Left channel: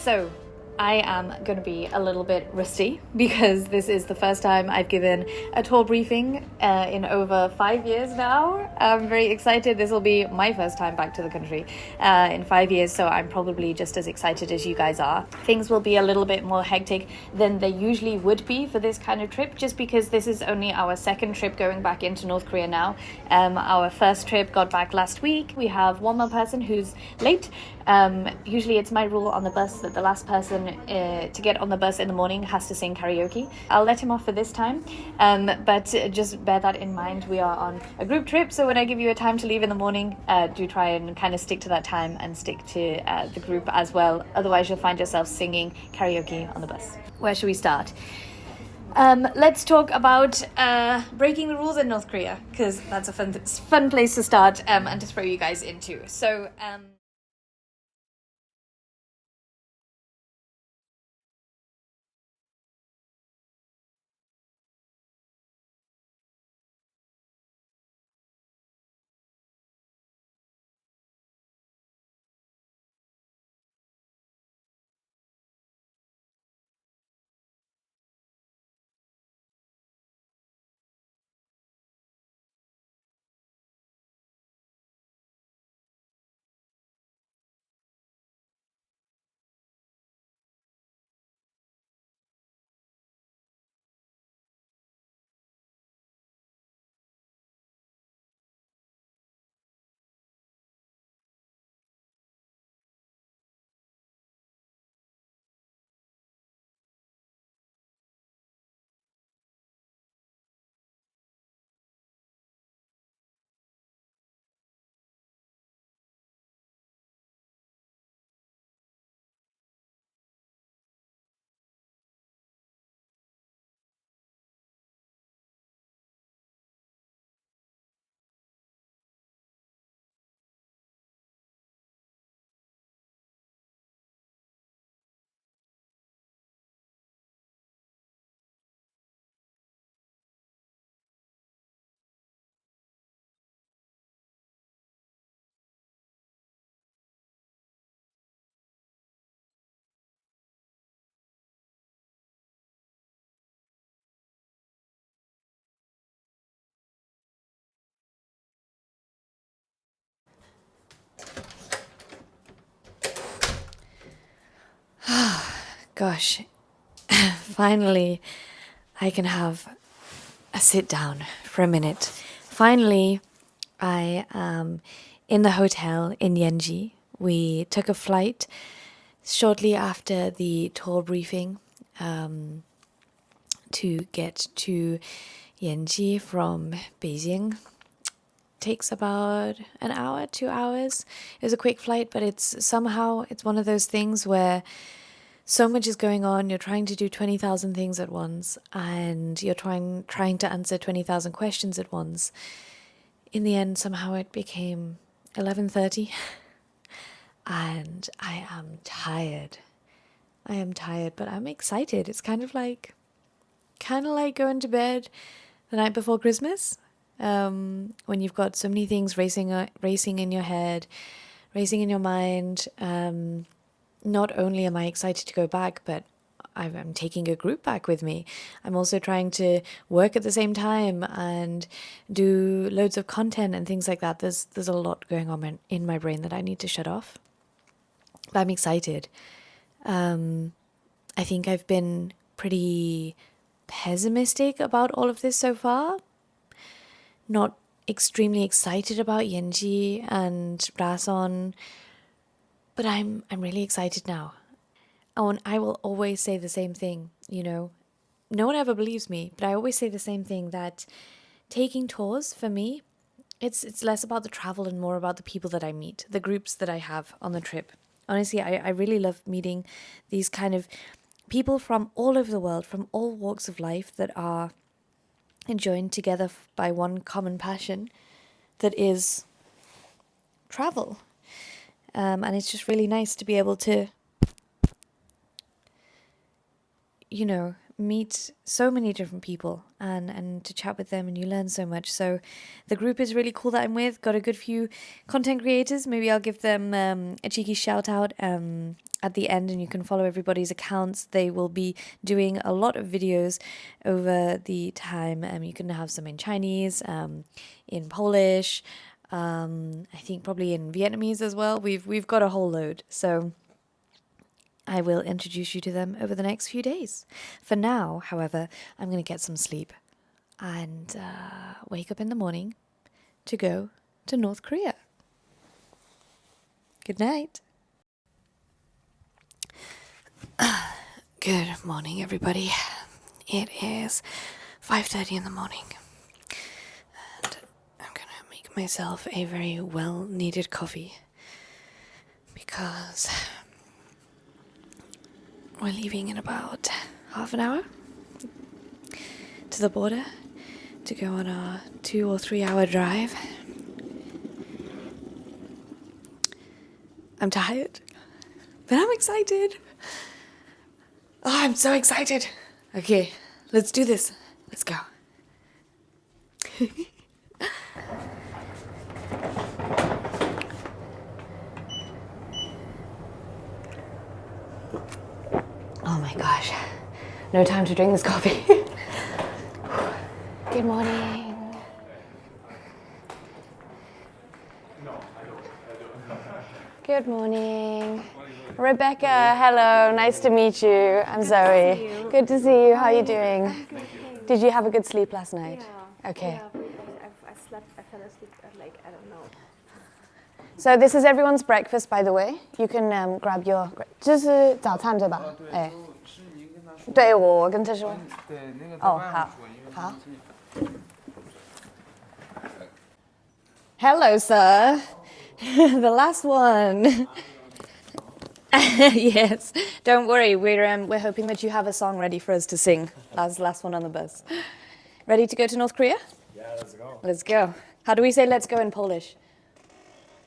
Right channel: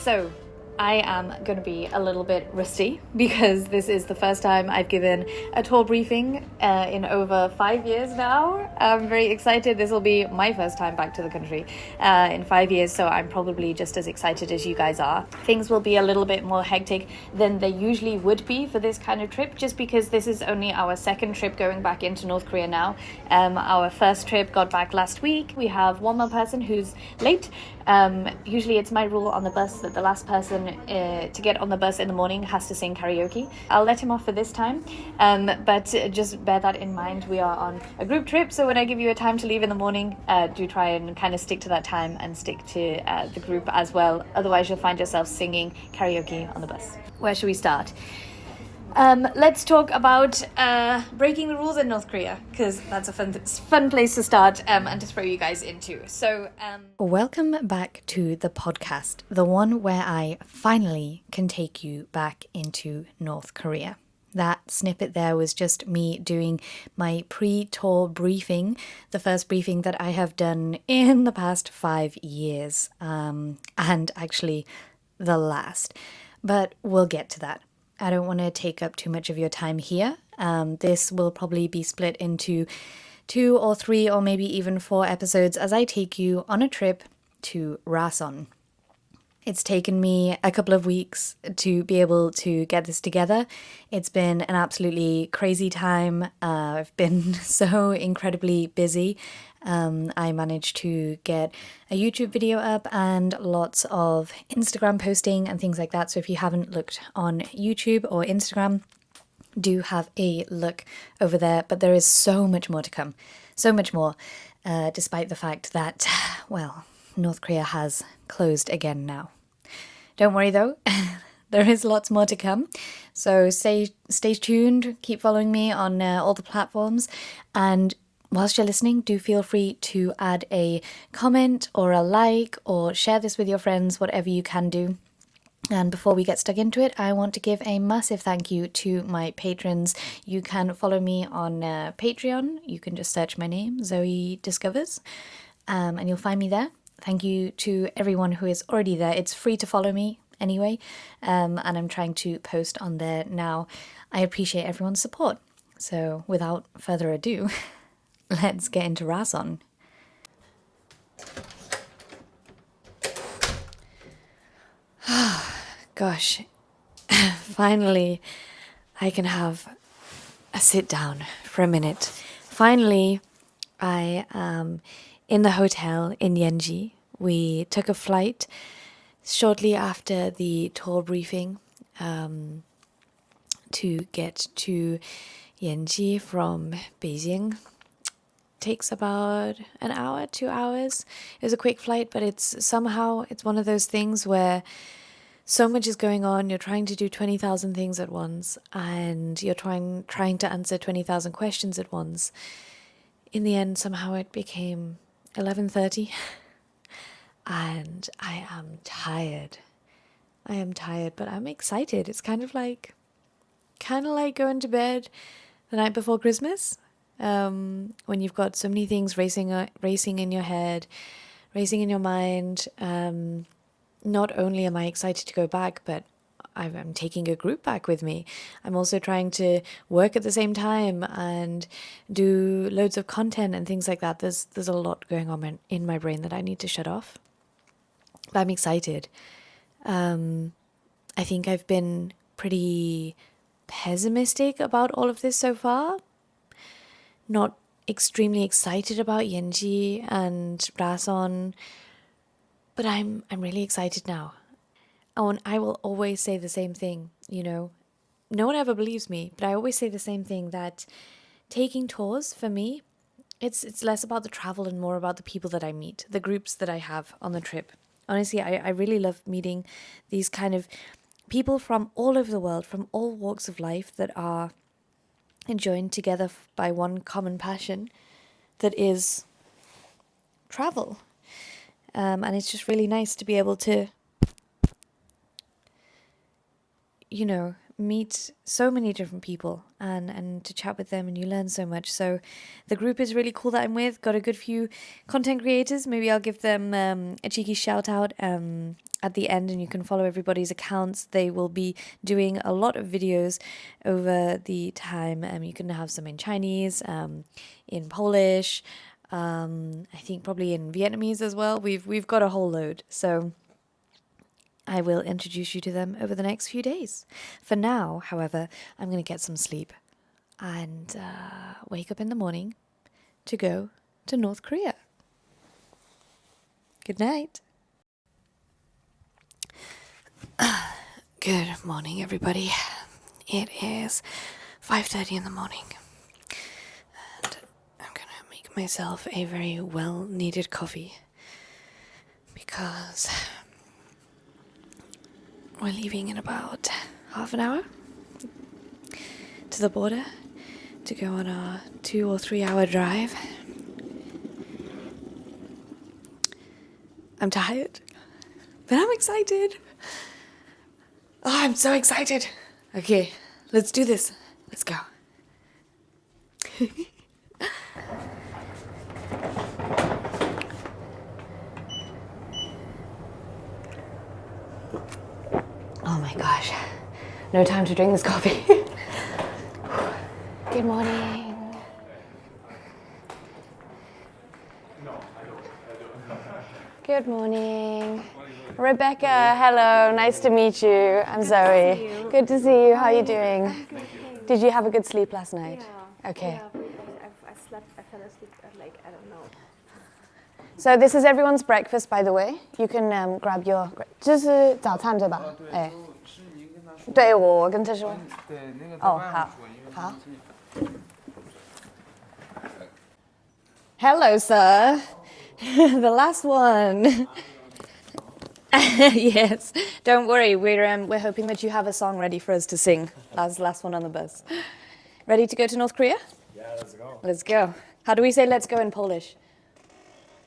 So I am going to be a little bit rusty because this is the first time I've given a tour briefing in over 5 years now. I'm very excited. This will be my first time back to the country in 5 years, so I'm probably just as excited as you guys are. Things will be a little bit more hectic than they usually would be for this kind of trip, just because this is only our second trip going back into North Korea now. Our first trip got back last week. We have one more person who's late. Usually it's my rule on the bus that the last person to get on the bus in the morning has to sing karaoke. I'll let him off for this time, but just bear that in mind. We are on a group trip, so when I give you a time to leave in the morning, do try and kind of stick to that time and stick to the group as well. Otherwise you'll find yourself singing karaoke on the bus. Where should we start? Let's talk about breaking the rules in North Korea, because that's a fun place to start and to throw you guys into. So, welcome back to the podcast, the one where I finally can take you back into North Korea. That snippet there was just me doing my pre-tour briefing, the first briefing that I have done in the past 5 years, and actually the last. But we'll get to that. I don't want to take up too much of your time here. This will probably be split into 2 or 3 or maybe even 4 episodes as I take you on a trip to Rason. It's taken me a couple of weeks to be able to get this together. It's been an absolutely crazy time. I've been so incredibly busy. I managed to get a YouTube video up and lots of Instagram posting and things like that. So if you haven't looked on YouTube or Instagram, do have a look over there. But there is so much more to come. So much more, despite the fact that, well, North Korea has closed again now. Don't worry though, there is lots more to come. So stay tuned, keep following me on all the platforms, and whilst you're listening, do feel free to add a comment or a like or share this with your friends, whatever you can do. And before we get stuck into it, I want to give a massive thank you to my patrons. You can follow me on Patreon. You can just search my name, Zoe Discovers, and you'll find me there. Thank you to everyone who is already there. It's free to follow me anyway, and I'm trying to post on there now. I appreciate everyone's support. So without further ado, let's get into Rason. Gosh, finally I can have a sit down for a minute. Finally, I am in the hotel in Yanji. We took a flight shortly after the tour briefing to get to Yanji from Beijing. Takes about an hour, 2 hours. It was a quick flight, but it's one of those things where so much is going on. You're trying to do 20,000 things at once, and you're trying to answer 20,000 questions at once. In the end, somehow it became 11:30, and I am tired. But I'm excited. It's kind of like going to bed the night before Christmas. When you've got so many things racing in your head, racing in your mind. Not only am I excited to go back, but I'm taking a group back with me. I'm also trying to work at the same time and do loads of content and things like that. There's a lot going on in my brain that I need to shut off. But I'm excited. I think I've been pretty pessimistic about all of this so far. Not extremely excited about Yanji and Rason, but I'm really excited now. Oh, and I will always say the same thing, no one ever believes me, but I always say the same thing, that taking tours for me, it's less about the travel and more about the people that I meet, the groups that I have on the trip. Honestly, I really love meeting these kind of people from all over the world, from all walks of life, that are joined together by one common passion, that is travel. And it's just really nice to be able to, meet so many different people and to chat with them, and you learn so much. So the group is really cool that I'm with. Got a good few content creators. Maybe I'll give them a cheeky shout out at the end, and you can follow everybody's accounts. They will be doing a lot of videos over the time. You can have some in Chinese, in Polish, I think probably in Vietnamese as well. We've got a whole load. So I will introduce you to them over the next few days. For now, however, I'm going to get some sleep and wake up in the morning to go to North Korea. Good night. Good morning, everybody. It is 5:30 in the morning, and I'm going to make myself a very well-needed coffee because we're leaving in about half an hour to the border to go on our 2 or 3 hour drive. I'm tired, but I'm excited. Oh, I'm so excited. Okay, let's do this. Let's go. Oh my gosh, no time to drink this coffee. Good morning. Good morning. Rebecca, hello, nice to meet you. I'm Zoe. Good to see you. How are you doing? Did you have a good sleep last night? Yeah. Okay. Yeah, I fell asleep at like, I don't know. So this is everyone's breakfast, by the way. You can grab your. 这是早餐对吧？哎，对，我跟他说。哦，好，好。Hello, sir. The last one. Yes. Don't worry. We're hoping that you have a song ready for us to sing. Last one on the bus. Ready to go to North Korea? Yeah, let's go. Let's go. How do we say let's go in Polish?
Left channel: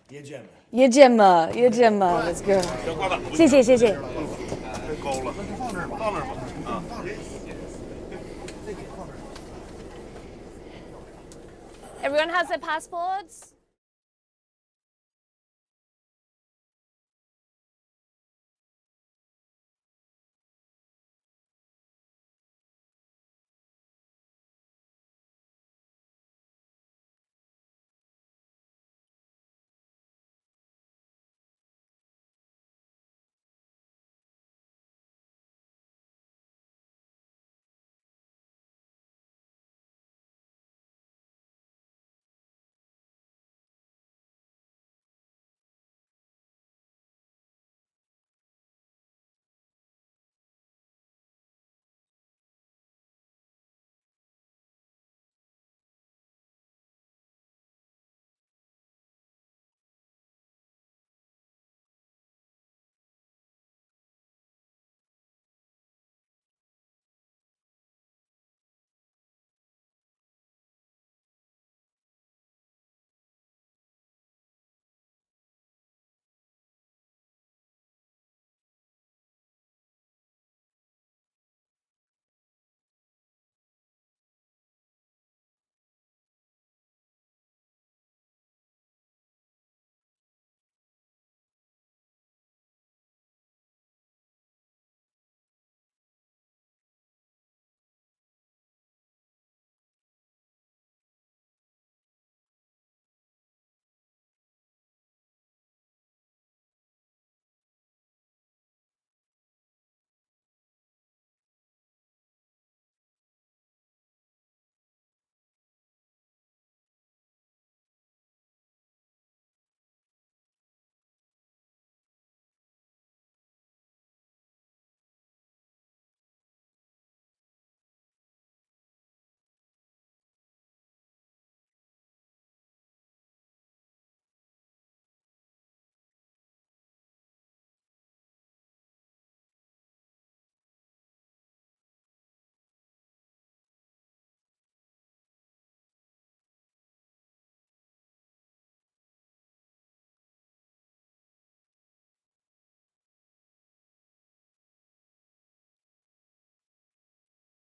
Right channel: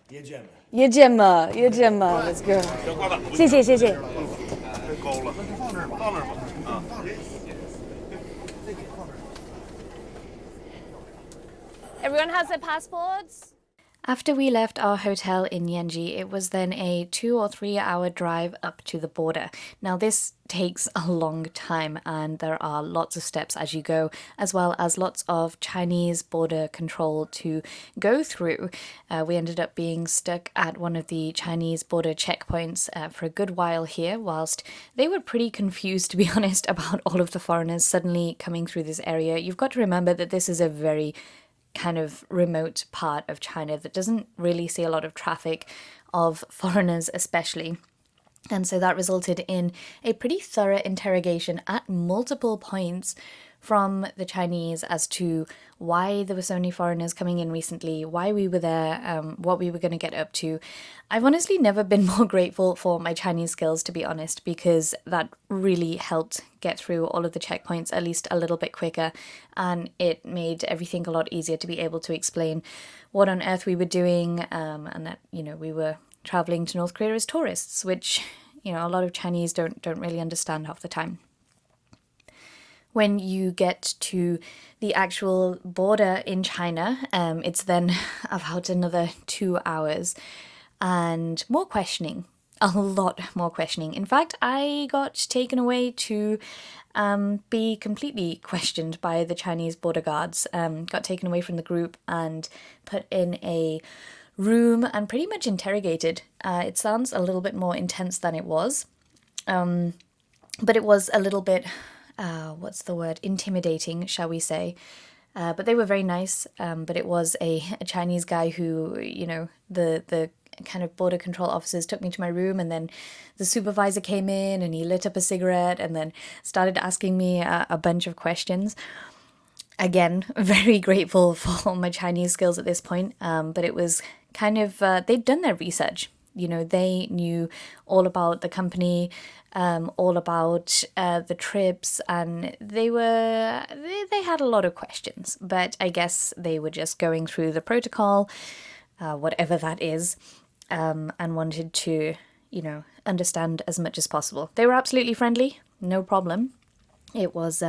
Jedziemy. Jedziemy. Jedziemy. Let's go. 谢谢谢谢。够了，放那儿吧，放那儿吧。啊。Everyone has their passports? After we left our hotel in Yanji, it was then a 2 or 3 hour drive up to the border. Now this takes a long time and there are lots of steps as you go, as well as lots of Chinese border control to go through. We ended up being stuck at one of the Chinese border checkpoints for a good while here, whilst they were pretty confused, to be honest, about all of the foreigners suddenly coming through this area. You've got to remember that this is a very kind of remote part of China that doesn't really see a lot of traffic of foreigners especially. And so that resulted in a pretty thorough interrogation at multiple points from the Chinese as to why there were so many foreigners coming in recently, why we were there, what we were going to get up to. I've honestly never been more grateful for my Chinese skills, to be honest, because that really helped get through all of the checkpoints at least a little bit quicker, and it made everything a lot easier to be able to explain what on earth we were doing, and that, you know, we were traveling to North Korea as tourists, which, you know, a lot of Chinese don't really understand half the time. When you get to the actual border in China, it's then about another 2 hours and more questioning, a lot more questioning. In fact, I got taken away to be completely questioned by the Chinese border guards, got taken away from the group and put in a room and pretty much interrogated. It sounds a little bit more intense than it was, but it was a little bit... what's the word? Intimidating, shall we say. But they were very nice. But it was a Chinese guy who, you know, the kind of border control officers took me to my room, and then the supervisor came in and he lit up a cigarette and then started asking me a bunch of questions. Again, very grateful for my Chinese skills at this point. But it was kind of, they'd done their research. You know, they knew all about the company, all about the trips, and they had a lot of questions, but I guess they were just going through the protocol, whatever that is, and wanted to, you know, understand as much as possible. They were absolutely friendly, no problem. It was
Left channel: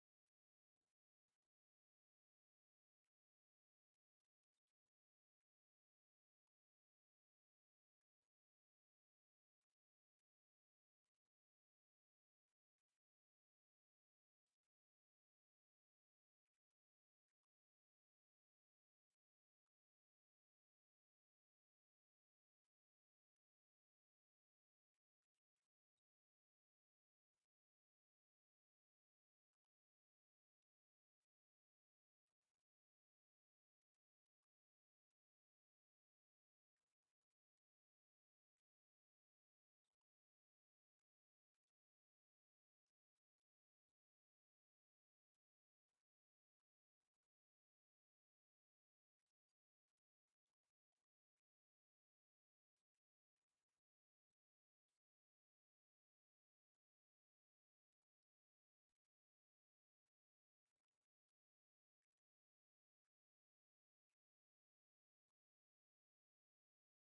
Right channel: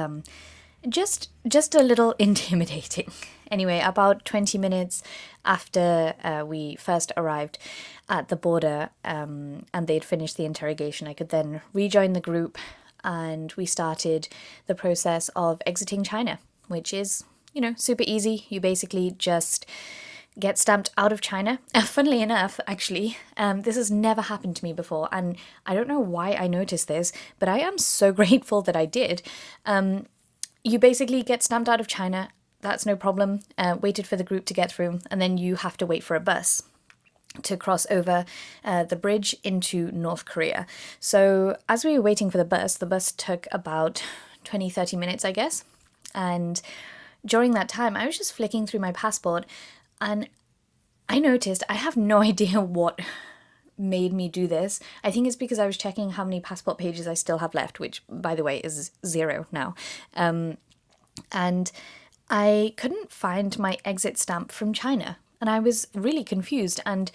just a little intimidating. Anyway, about 20 minutes after we first arrived at the border and they'd finished the interrogation, I could then rejoin the group and we started the process of exiting China, which is, super easy. You basically just get stamped out of China. Funnily enough, actually, this has never happened to me before, and I don't know why I noticed this, but I am so grateful that I did. You basically get stamped out of China, that's no problem, waited for the group to get through, and then you have to wait for a bus to cross over the bridge into North Korea. So as we were waiting for the bus took about 20-30 minutes, I guess, and during that time I was just flicking through my passport and I noticed, I have no idea what made me do this. I think it's because I was checking how many passport pages I still have left, which, by the way, is 0 now. And I couldn't find my exit stamp from China. And I was really confused. And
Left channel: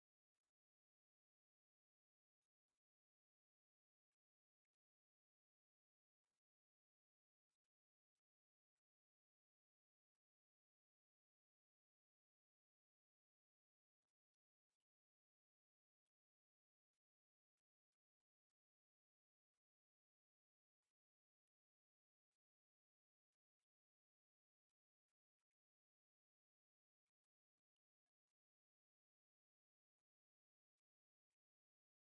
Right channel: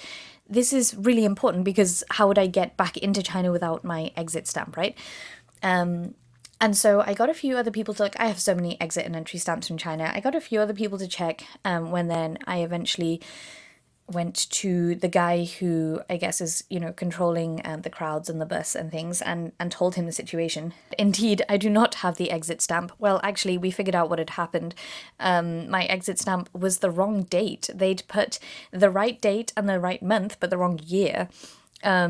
this is really important because how would I get back into China without my exit stamp, right? And so I got a few other people to look. I have so many exit and entry stamps from China. I got a few other people to check when then I eventually went to the guy who I guess is, controlling the crowds and the bus and things and told him the situation. Indeed, I do not have the exit stamp. Well, actually, we figured out what had happened. My exit stamp was the wrong date. They'd put the right date and the right month, but the wrong year.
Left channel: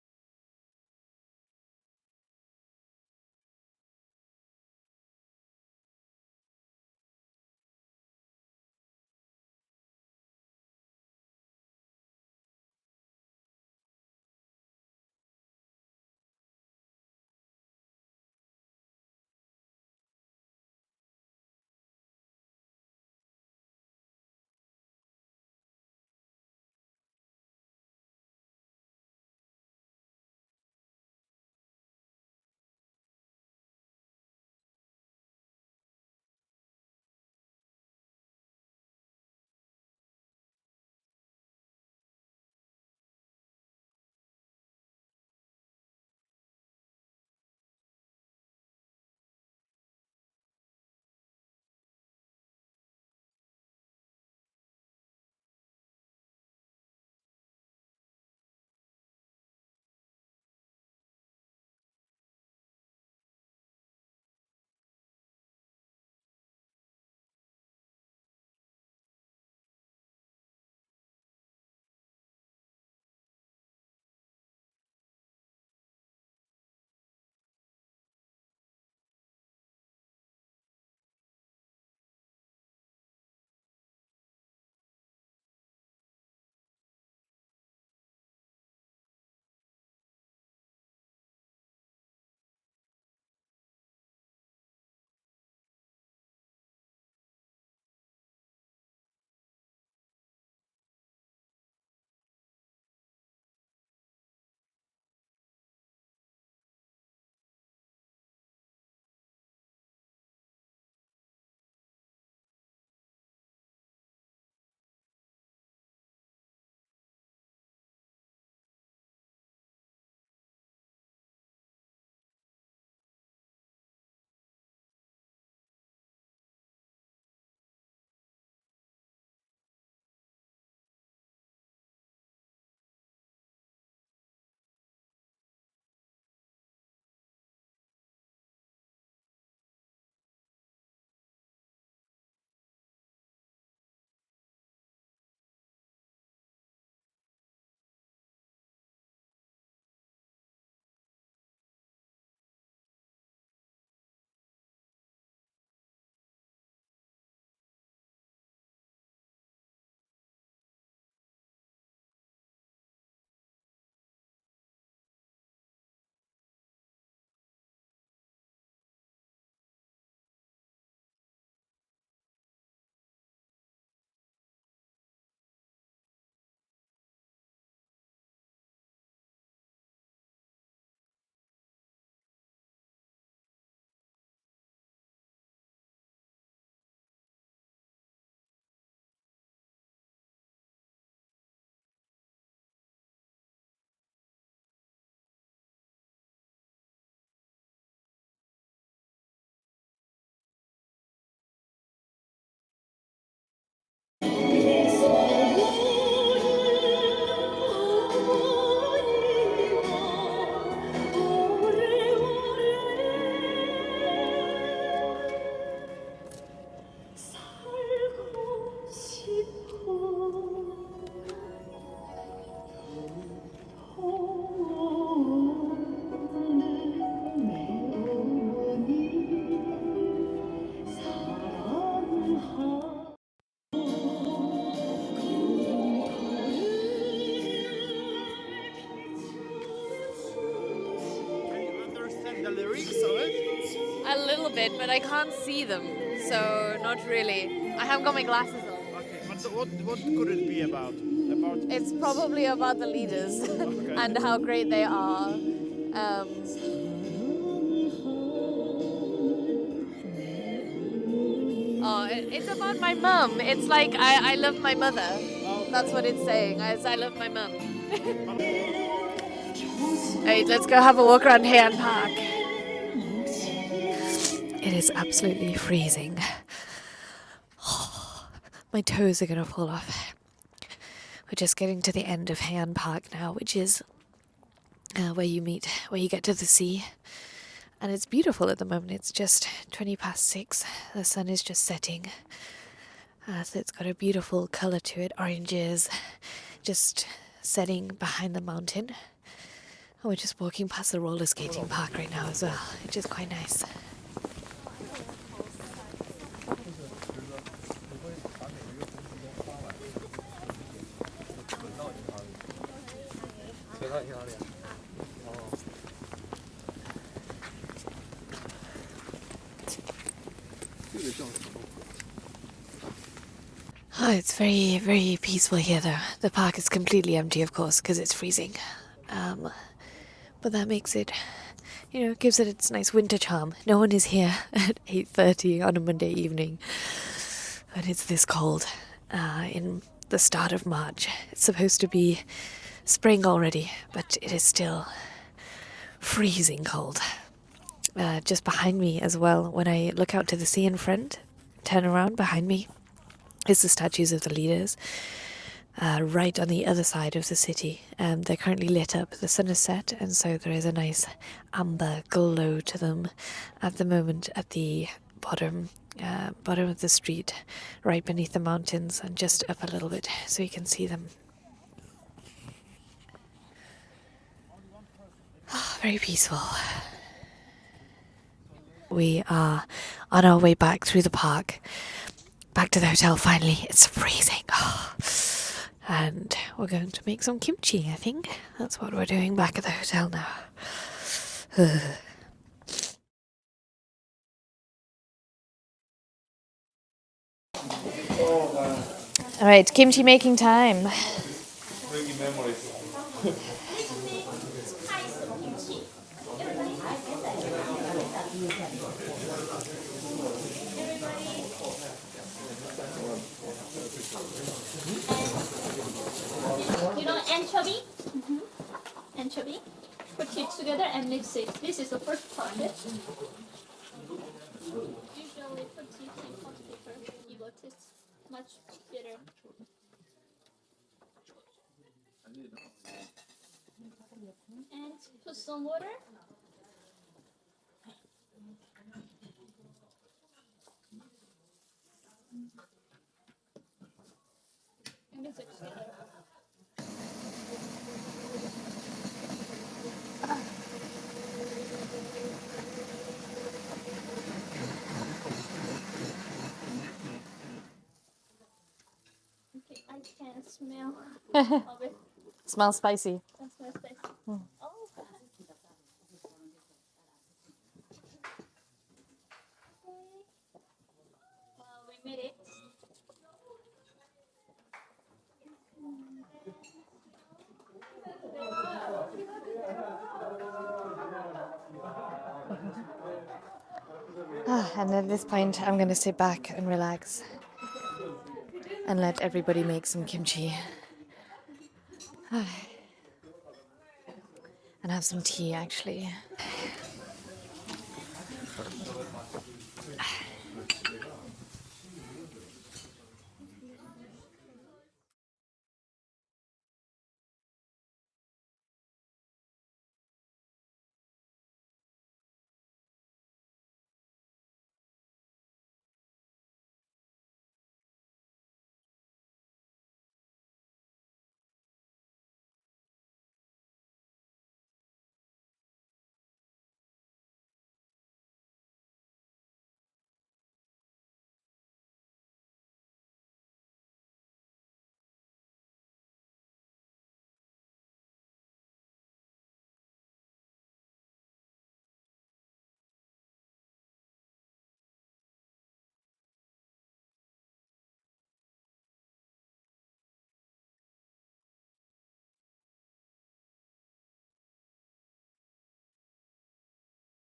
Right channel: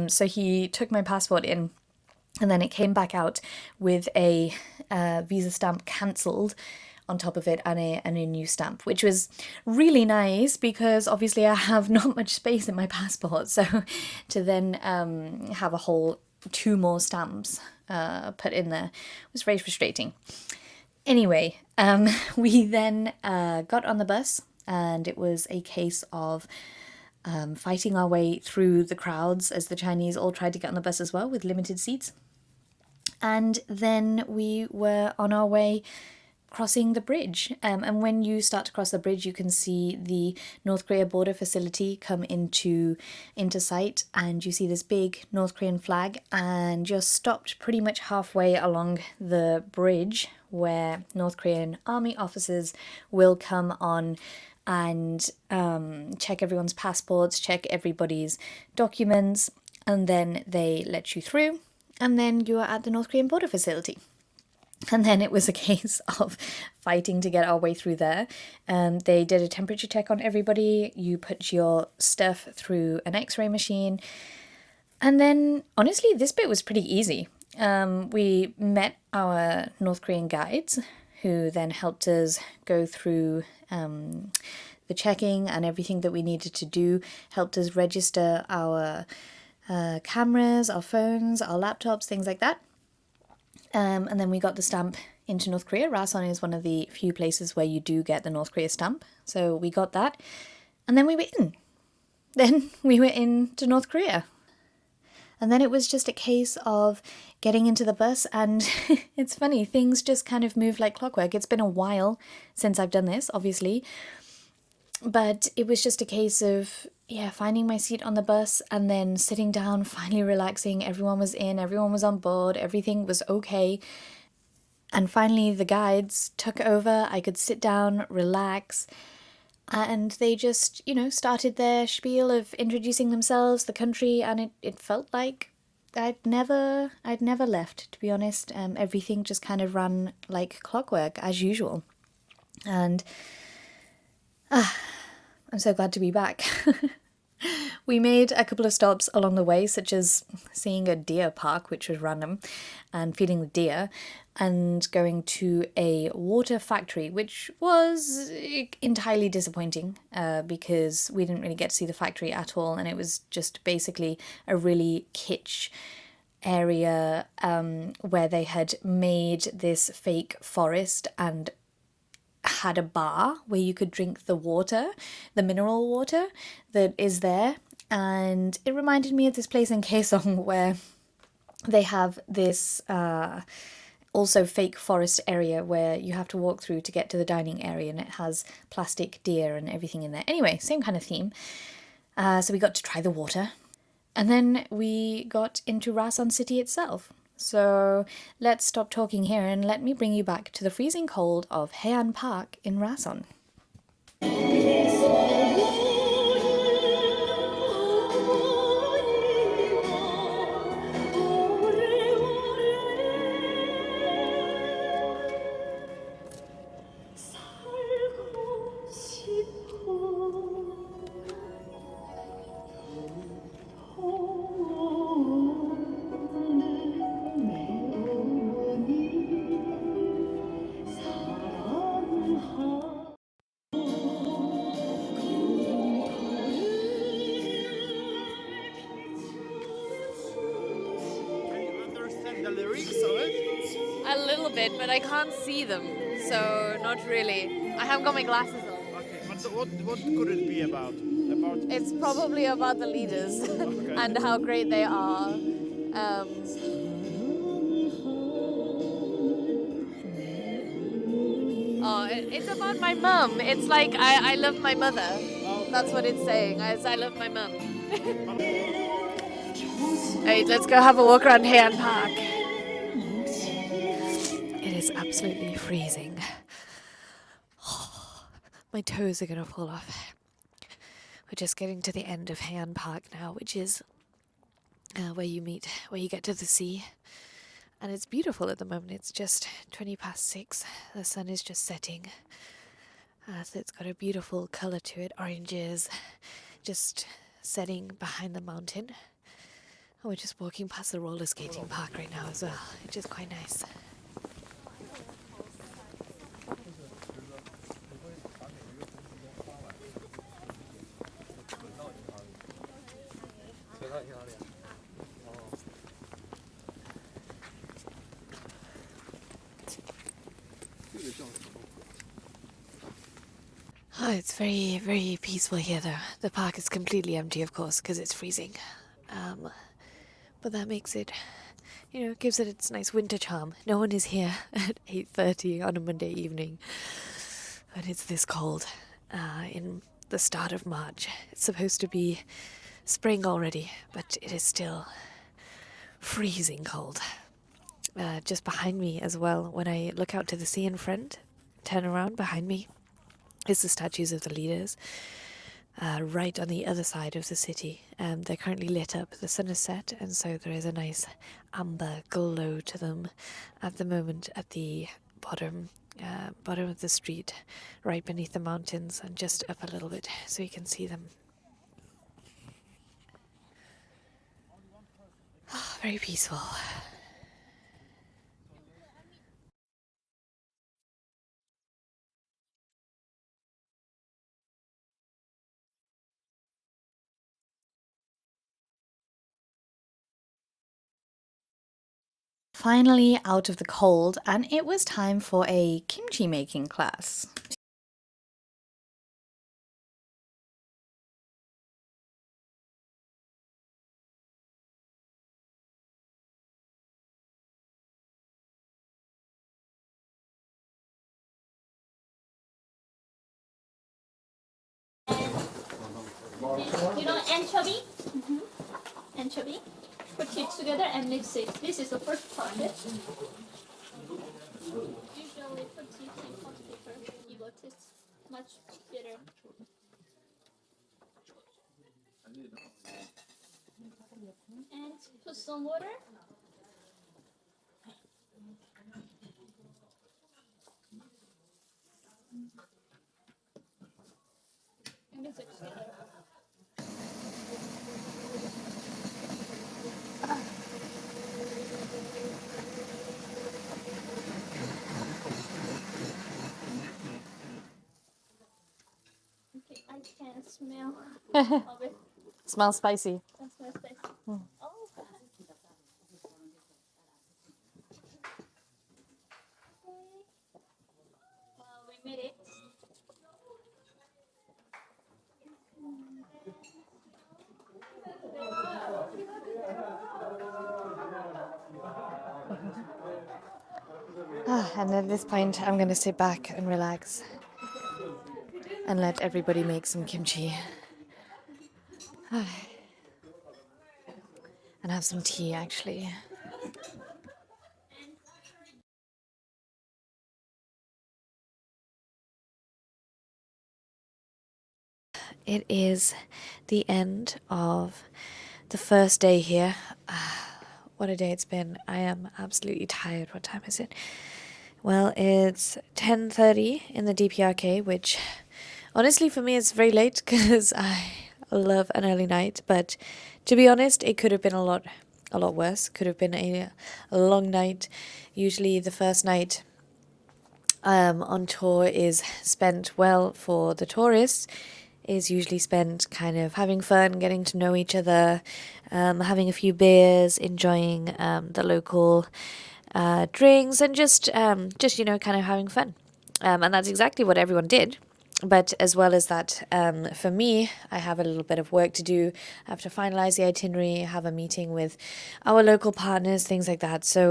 So he took my passport in. And then it came back out with a visa stamp cancelled on top of it and a new stamp, which was really nice because obviously I have not much space in my passport. So to then have a whole 2 more stamps put in there was very frustrating. Anyway, we then got on the bus and it was a case of fighting our way through the crowds as the Chinese all tried to get on the bus as well with limited seats. And then we were on our way crossing the bridge. And when you start to cross the bridge, you can see the North Korea border facility come into sight, and you see this big North Korean flag, and you're stopped pretty much halfway along the bridge where North Korean army officers will come on and check everyone's passports, check everybody's documents, and then they let you through. And then you are at the North Korean border facility. And then it was a case of fighting to get our way through there. They did a temperature check on everybody. You put your stuff through an X-ray machine. And then, honestly, this bit was pretty easy. We met our North Korean guides, who then helped us go through the checking and everything that we needed to do, helped us register our cameras, our phones, our laptops, things like that. And then we got the stamp into North Korea. Rason is one of the few places where you do get the North Korea stamp. So we got that. And then we were in. Then we were into North Korea. And then it was just a case of getting into the bus. And it's funny, things just kind of move like clockwork. It's been a while since I've done this, obviously. But it was just a case of, finding my seat on the bus and then sitting down, finally relaxing. Everyone was in, everyone was on board, everything was okay. And finally the guides took over. I could sit down, relax, and they just, started their spiel of introducing themselves, the country, and it felt like I'd never left, to be honest. Everything just kind of ran like clockwork as usual. And I'm so glad to be back. We made a couple of stops along the way, such as seeing a deer park, which was random, and feeding the deer, and going to a water factory, which was entirely disappointing because we didn't really get to see the factory at all, and it was just basically a really kitsch area where they had made this fake forest and had a bar where you could drink the water, the mineral water that is there. And it reminded me of this place in Kaesong where they have this also fake forest area where you have to walk through to get to the dining area, and it has plastic deer and everything in there. Anyway, same kind of theme. So we got to try the water, and then we got into Rason city itself. So let's stop talking here and let me bring you back to the freezing cold of Heian Park in Rason. Can you understand the lyrics of it? A little bit, but I can't see them, so not really. I haven't got my glasses on. Okay, but what could it be about? About It's probably about the leaders and how great they are. It's about my mum. It's like I love my mother. That's what it's saying. I love my mum. Alright, let's go have a walk around Heian Park. It is absolutely freezing. My toes are gonna fall off. We're just getting to the end of Heian Park now, which is where you get to the sea. And it's beautiful at the moment. It's just 6:20. The sun is just setting. So it's got a beautiful colour to it. Oranges just setting behind the mountain. And we're just walking past the roller skating park right now as well, which is quite nice. Oh, it's very, very peaceful here though. The park is completely empty, of course, because it's freezing. But that makes it, gives it its nice winter charm. No one is here at 8:30 on a Monday evening when it's this cold in the start of March. It's supposed to be spring already, but it is still freezing cold. Just behind me as well, when I look out to the sea in front, turn around behind me, is the statues of the leaders, right on the other side of the city. They're currently lit up. The sun is set, and so there is a nice amber glow to them at the moment at the bottom of the street, right beneath the mountains, and just up a little bit so you can see them. Very peaceful. We are on our way back through the park. Back to the hotel finally. It's freezing. And we're going to make some kimchi, I think. That's what we're doing back at the hotel now. Finally out of the cold, and it was time for a kimchi making class. Alright, kimchi making time. You know anchovy? Anchovy. Put it together and mix it. This is the first part. Usually put it in hot paper. It will taste much better. And put some water. And mix it together. Okay, I can smell of it. Smells spicy. That smells spicy. Oh. Okay, we made it. And at this point, I'm going to sit back and relax and let everybody make some kimchi. And have some tea, actually. it is the end of the first day here. What a day it's been. I am absolutely tired. What time is it? Well, it's 10:30 in the DPRK, which honestly for me is very late because I love an early night. But to be honest, it could have been a lot worse. Could have been a long night. Usually the first night on tour is spent, well, for the tourists, is usually spent kind of having fun, getting to know each other, having a few beers, enjoying the local drinks, and just you know, kind of having fun. And that's exactly what everyone did. But as well as that, for me, I have a little bit of work to do. I have to finalize the itinerary, have a meeting with our local partners, things like that. So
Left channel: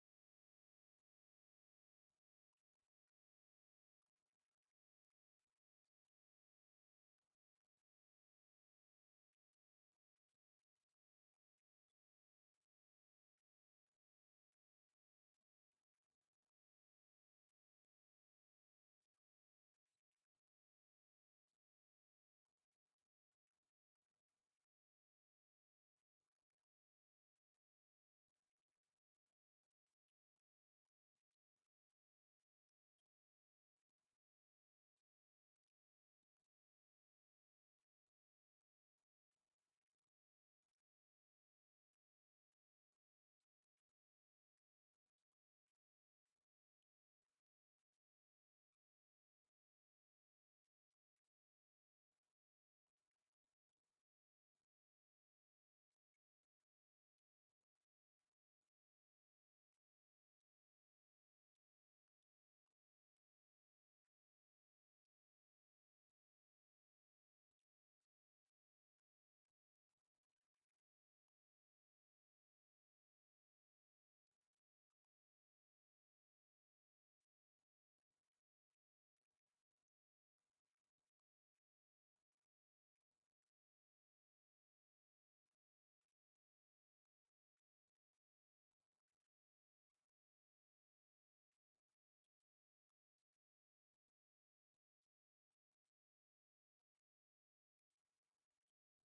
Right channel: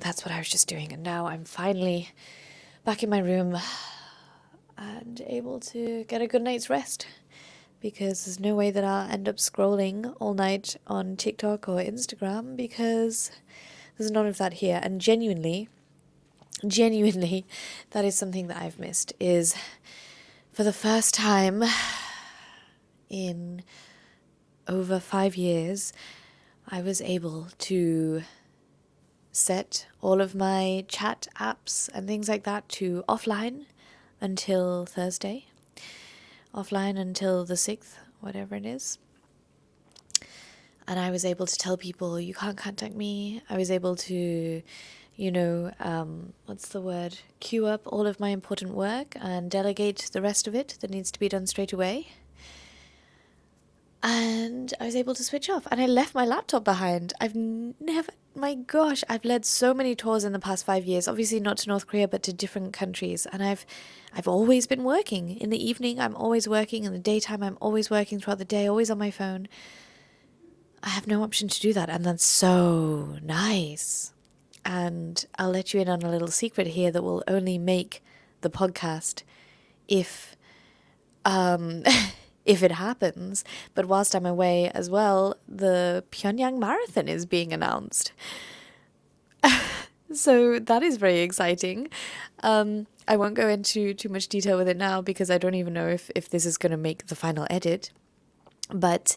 that's what I was just doing. And now I'm finally back in my room and able to get a good night's rest, because there's no way that I'll end up scrolling all night on TikTok or Instagram, because there's none of that here. And genuinely, that is something that I've missed, is for the first time in over 5 years, I was able to set all of my chat apps and things like that to offline until Thursday. Offline until the 6th, whatever it is. And I was able to tell people, you can't contact me. I was able to, you know, what's the word? Queue up all of my important work and delegate the rest of it that needs to be done straight away. And I was able to switch off. And I left my laptop behind. My gosh, I've led so many tours in the past 5 years. Obviously not to North Korea, but to different countries. And I've always been working. In the evening, I'm always working. In the daytime, I'm always working throughout the day, always on my phone. I have no option to do that. And that's so nice. And I'll let you in on a little secret here that will only make the podcast if if it happens. But whilst I'm away as well, the Pyongyang Marathon is being announced. So that is very exciting. I won't go into too much detail with it now because I don't even know if this is going to make the final edit. But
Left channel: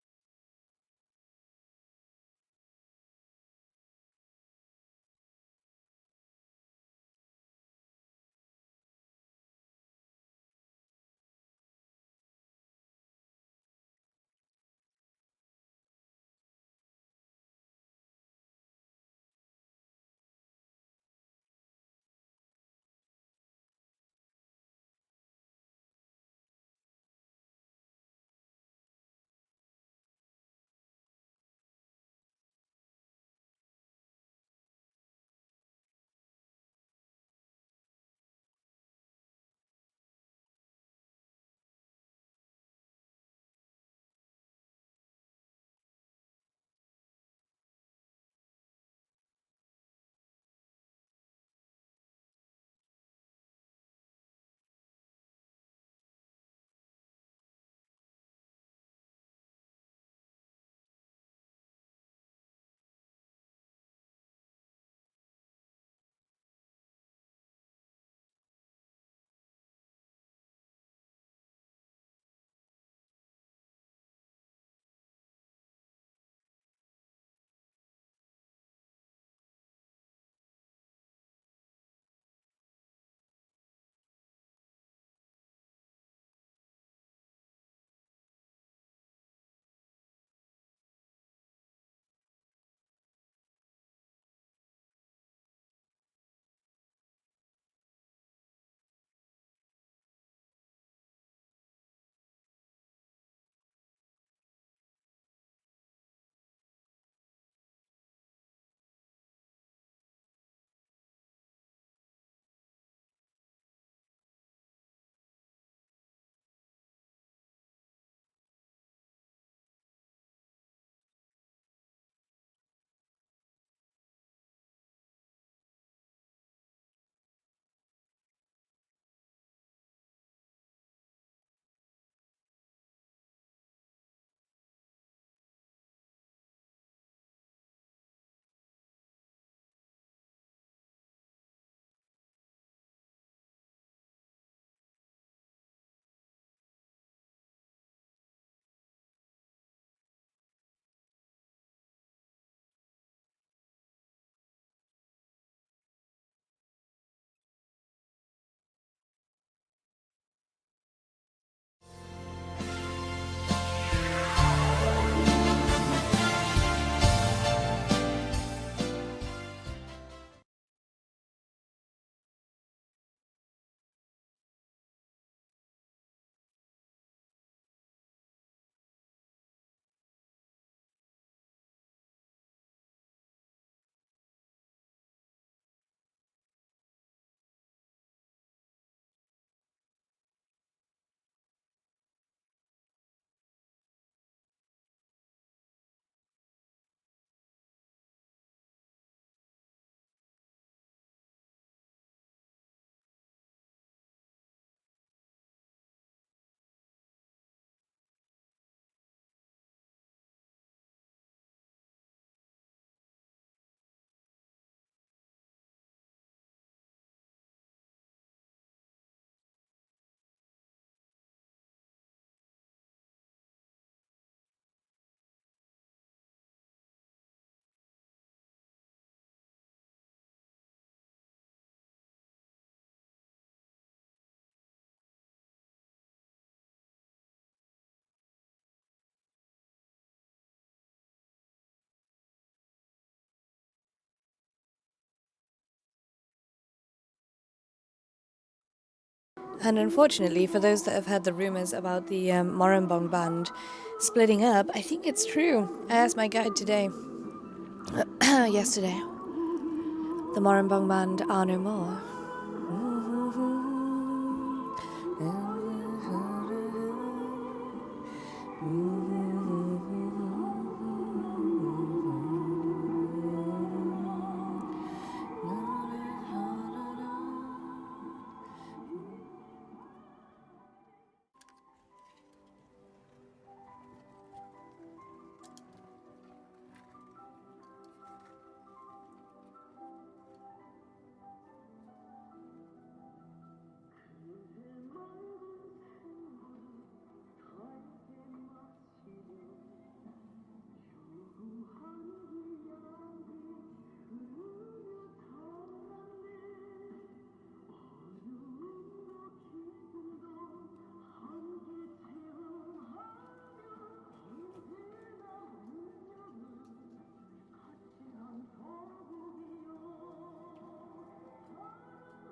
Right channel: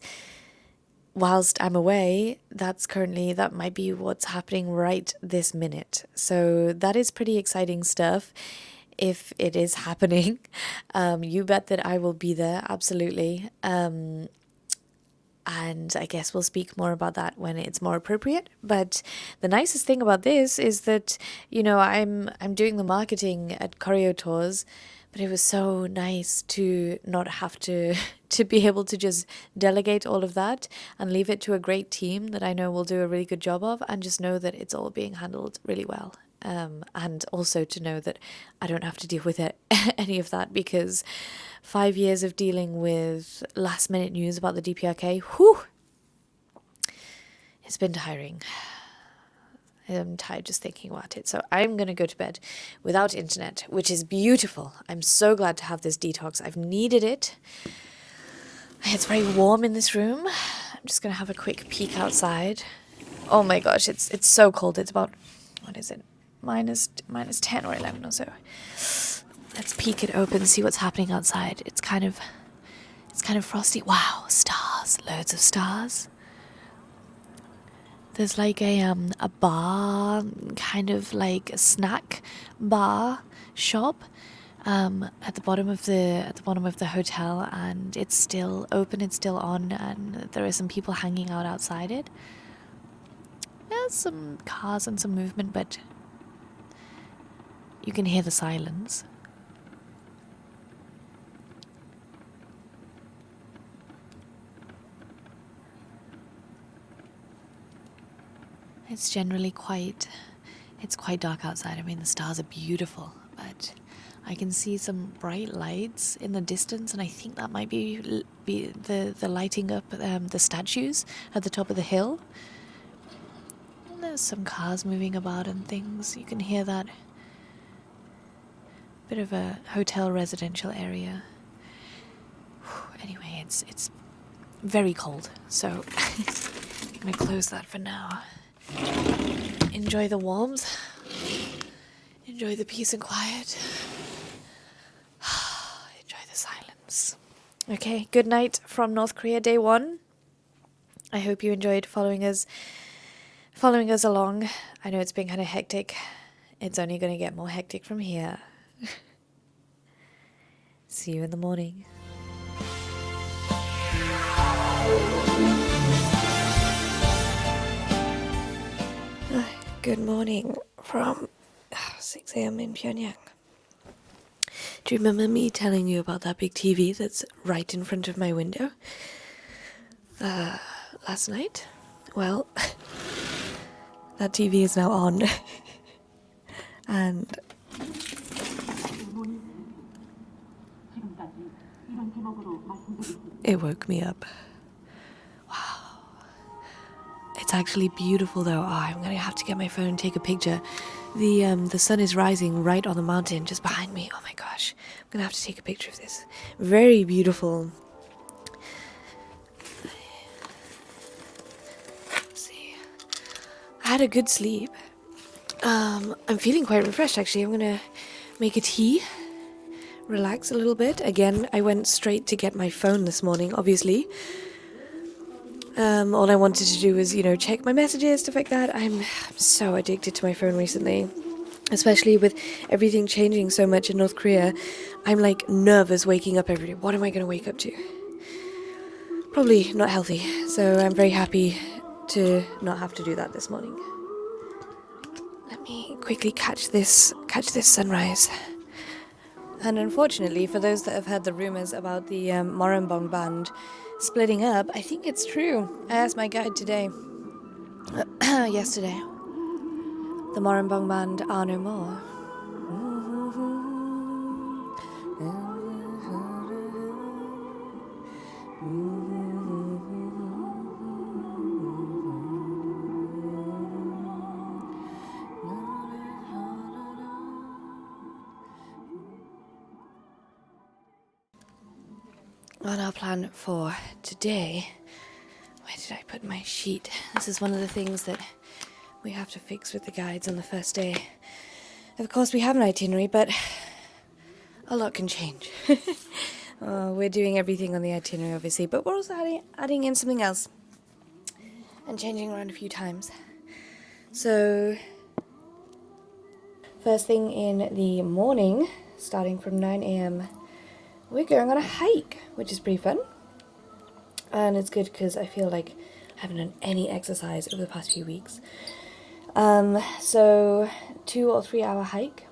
whilst I'm away, that might be what's happening right this minute. So that is pretty exciting stuff. If it is happening, you bet that I will be there, absolutely. And I guess we'll speak more about that when it's more appropriate. But the nicest thing about this is that, you know, I'm doing the marketing at Koryo Tours, but it was so nice to not have to be able to just delegate all of that and leave it to a great team that I know will do a really good job of, and just know that it's all being handled really well. And also to know that I don't have to deal with any of that, because 5 years of dealing with last minute news about the DPRK, it's been tiring. I'm tired just thinking about it. So I'm going to go to bed without internet, which is beautiful. I'm so glad to have this detox. I've needed it. It's very warm in this room. I'm just going to have a quick peek outside. Oh my gosh, it's so cold. It's about, what is it? Minus 10 or 11 or so. Let's peek it open, see what's happening outside. It's kind of frosty. Wow, stars, loads of stars. There's like a bar, kind of like a snack bar shop at the bottom of the hotel, and it's still open, it's still on, and there are some people hanging out outside it. There's some cars and some movement, but you can hear the silence. It's generally quite dark outside. I mean, the stars are beautiful, but I can see some bright lights in the distance, and I think that might be the lighting up the statues at the top of the hill. And there's some cars moving about and things. You can hear that. Bit of a hotel residential area. Anyway, it's very cold, so I'm gonna close that for now. Enjoy the warmth. Enjoy the peace and quiet. Enjoy the silence. Okay, good night from North Korea, day 1. I hope you enjoyed following us along. I know it's been kind of hectic. It's only going to get more hectic from here. See you in the morning. Good morning from 6 a.m. in Pyongyang. Do you remember me telling you about that big TV that's right in front of my window last night? Well, that TV is now on. And it woke me up. Wow. It's actually beautiful though. Oh, I'm gonna have to get my phone and take a picture. The sun is rising right on the mountain just behind me. Oh my gosh. I'm gonna have to take a picture of this. Very beautiful. Let's see. I had a good sleep. I'm feeling quite refreshed actually. I'm gonna make a tea. Relax a little bit. Again, I went straight to get my phone this morning, obviously. All I wanted to do was, check my messages, stuff like that. I'm so addicted to my phone recently, especially with everything changing so much in North Korea. I'm like nervous waking up every day. What am I going to wake up to? Probably not healthy. So I'm very happy to not have to do that this morning. Let me quickly catch this sunrise. And unfortunately, for those that have heard the rumors about the Moranbong band splitting up, I think it's true. I asked my guide today, yesterday. The Moranbong band are no more. On our plan for today, where did I put my sheet? This is one of the things that we have to fix with the guides on the first day. Of course, we have an itinerary, but a lot can change. We're doing everything on the itinerary, obviously, but we're also adding in something else and changing around a few times. So, first thing in the morning, starting from 9 a.m., we're going on a hike, which is pretty fun. And it's good because I feel like I haven't done any exercise over the past few weeks. So 2 or 3 hour hike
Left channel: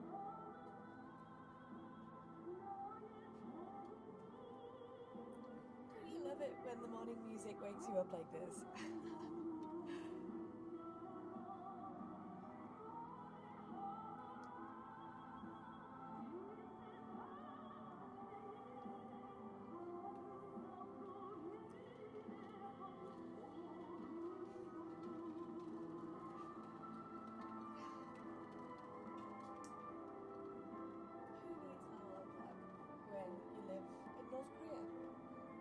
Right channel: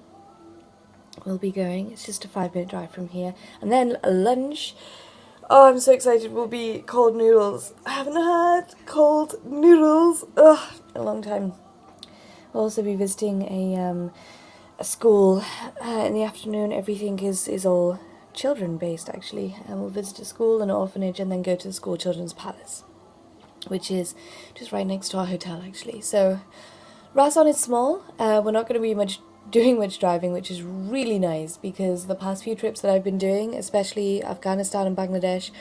we'll be going. It's just a 5-minute drive from here. And then lunch. Oh, I'm so excited. Will be cold noodles. I haven't had cold noodles in a long time. We'll also be visiting a school in the afternoon. Everything is all children based actually, and we'll visit a school, an orphanage, and then go to the school children's palace, which is just right next to our hotel actually. So Rason is small. We're not going to be doing much driving, which is really nice because the past few trips that I've been doing, especially Afghanistan and Bangladesh,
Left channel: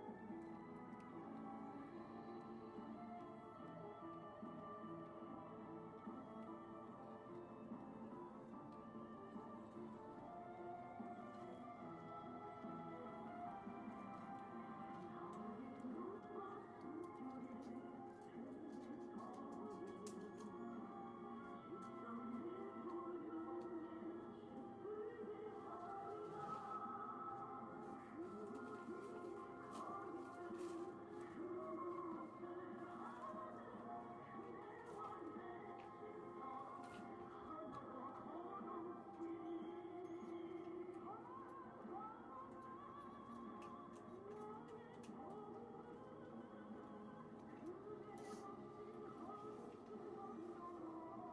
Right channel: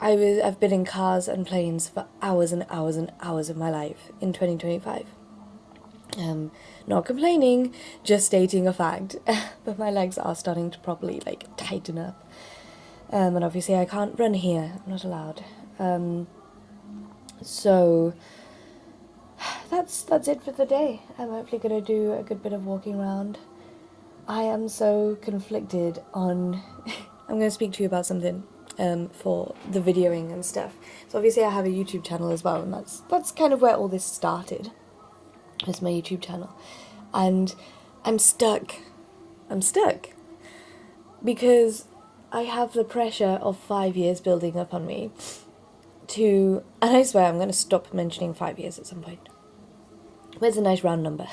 I've been in cars and planes for hours and hours and hours of my life in 2025. Not complaining, just stating a fact. But my legs are starting to properly tighten up. And obviously I can't run here. I'm not allowed. So that's it for the day. I'm hopefully going to do a good bit of walking around. I am so conflicted on... I'm going to speak to you about something for the videoing and stuff. So obviously I have a YouTube channel as well, and that's kind of where all this started. It's my YouTube channel. And I'm stuck. Because I have the pressure of 5 years building up on me and I swear I'm going to stop mentioning 5 years at some point. Where's a nice round number?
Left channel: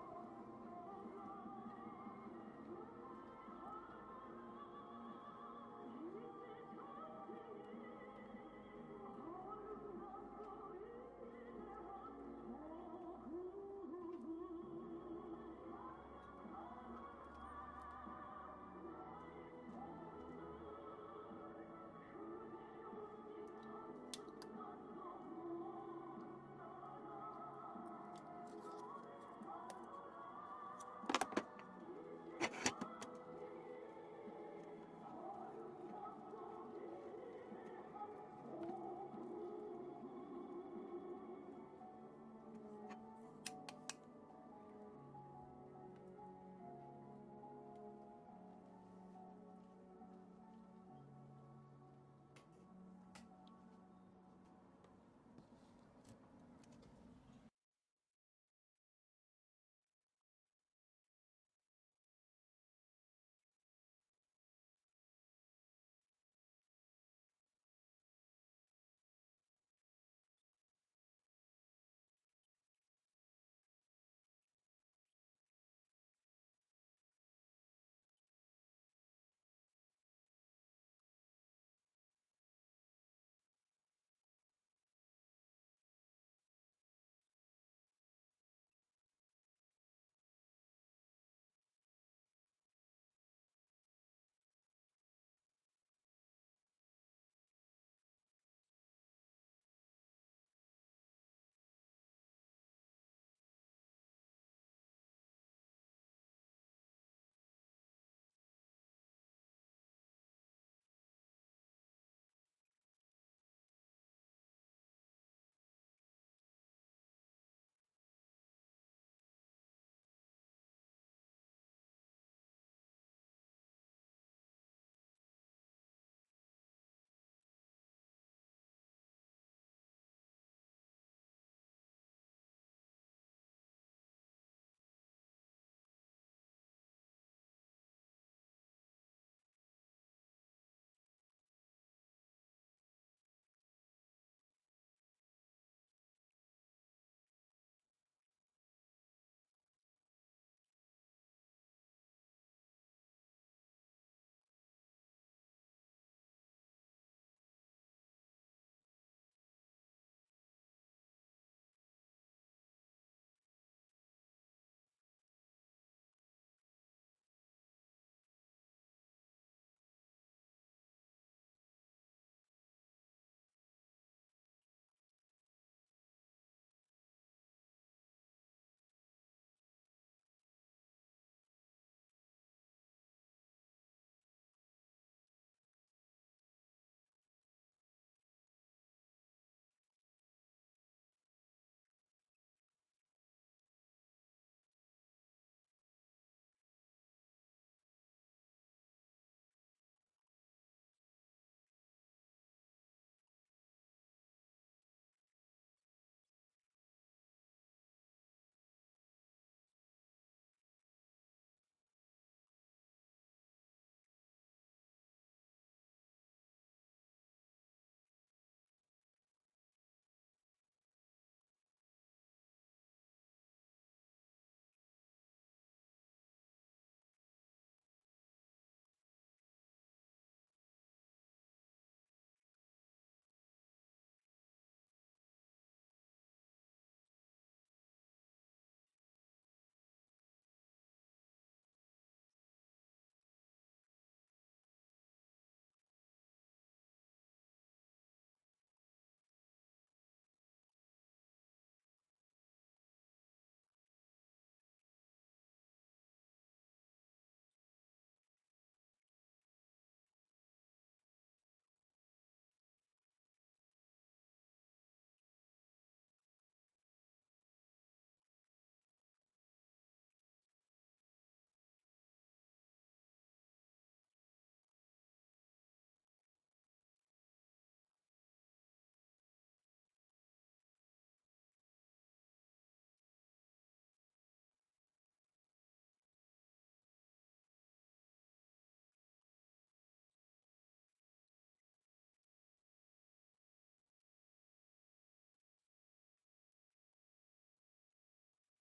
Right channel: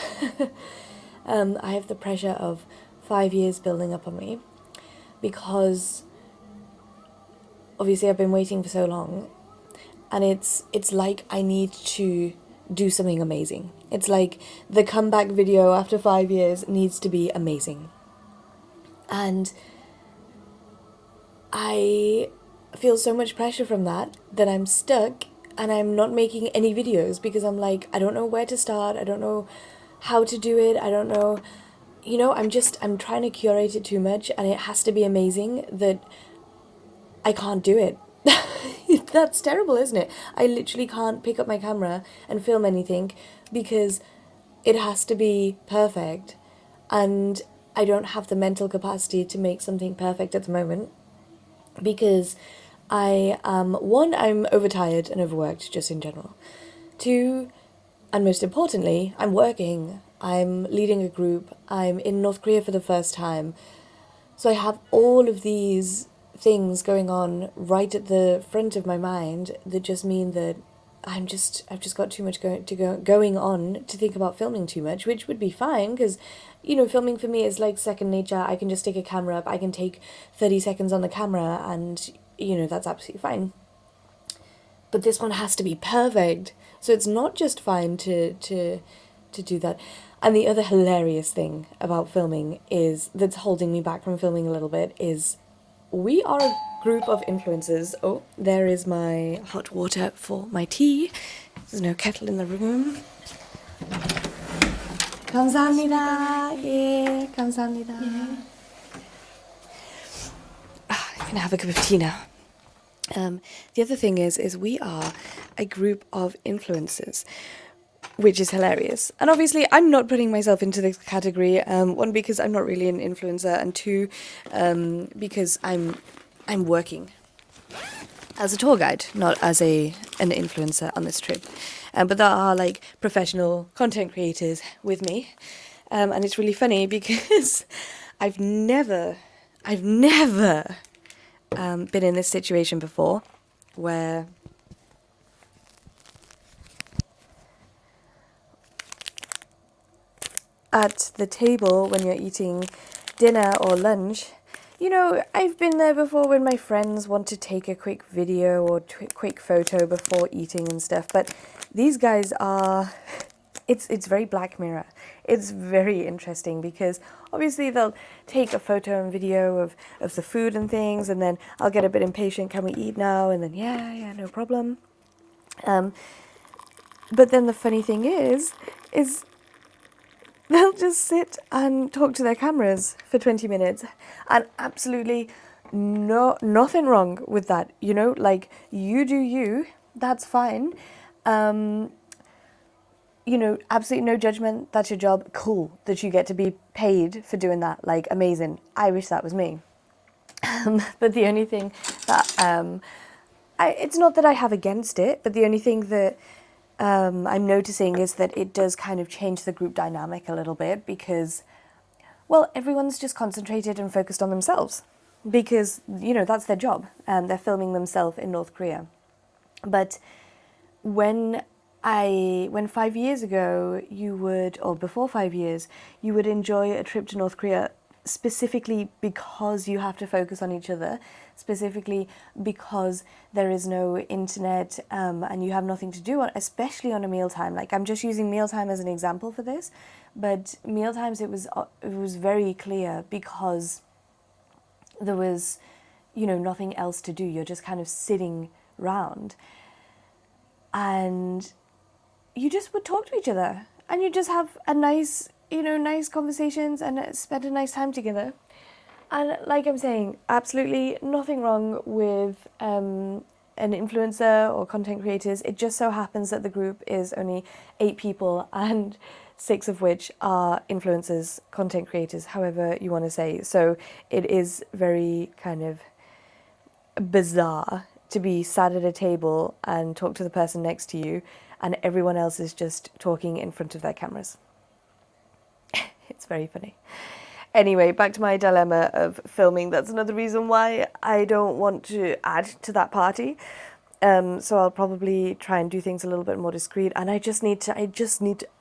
I have the pressure of 5 years building up on me because obviously I've been waiting for so long, and it's like I need to do something amazing. It's like the comeback video after 5 years needs to be amazing. And I feel so much pressure from that I'm stuck and I'm not making any videos because I'm like, I don't know where to start. I don't know how to do it. I don't know, you know, I'm trying to curate it too much, and it has to be amazing that I can't do it. That's terrible, isn't it? I literally can't pick up my camera and film anything because it has to be perfect, and I don't have the mental capacity to make something perfect at the moment because I'm overtired and overworked just in general. Two, and most importantly, I'm working. I'm leading a group. I'm in North Korea for the first time. So I have all of these things going on right at the front of my mind that just mean that I've just got too much going on to think about filming too much, which would be fine because, you know, filming for me is like second nature. I can just take a camera up. I can take 30 seconds on the camera and, you know, that's absolutely fine. But this one has to be perfect. So it's not just fine to do that. And the other hilarious thing about filming is that's holding me back from filming a little bit is we are a group of influencers. Oh, there is my hot water for my tea. There's no kettle in the room. 감사합니다. Yeah, 감사합니다. I'm gonna have a cup of tea now. The other thing is we are a group of influencers, which is hilarious. And obviously, I'm not putting myself into this category. One, because I'm not really an influencer, and two, because I'm working as a tour guide, not as an influencer on this trip. But there are like professional content creators with me, and it's really funny because I've never been in this situation before, where at the table when you're eating dinner or lunch, you know, I've been there before when my friends want to take a quick video or quick photo before eating and stuff, but these guys are, it's very Black Mirror. It's very interesting because obviously they'll take a photo and video of the food and things, and then I'll get a bit impatient, can we eat now? And then yeah, no problem. But then the funny thing is they'll just sit and talk to their cameras for 20 minutes, and absolutely nothing wrong with that, you know, like, you do you, that's fine. You know, absolutely no judgment, that's your job, cool that you get to be paid for doing that, like, amazing, I wish that was me. But the only thing that it's not that I have against it, but the only thing that I'm noticing is that it does kind of change the group dynamic a little bit because, well, everyone's just concentrated and focused on themselves because, you know, that's their job. They're filming themselves in North Korea. But when 5 years ago or before 5 years, you would enjoy a trip to North Korea specifically because you have to focus on each other, specifically because there is no internet and you have nothing to do, especially on a mealtime. Like, I'm just using mealtime as an example for this, but mealtimes it was very clear because there was, you know, nothing else to do. You're just kind of sitting round and you just would talk to each other and you just have a nice conversations and spend a nice time together. And like I'm saying, absolutely nothing wrong with an influencer or content creators. It just so happens that the group is only 8 people and 6 of which are influencers, content creators, however you want to say. So it is very kind of bizarre to be sat at a table and talk to the person next to you and everyone else is just talking in front of their cameras. It's very funny. Anyway, back to my dilemma of filming. That's another reason why I don't want to add to that party. So I'll probably try and do things a little bit more discreet. And I just need to,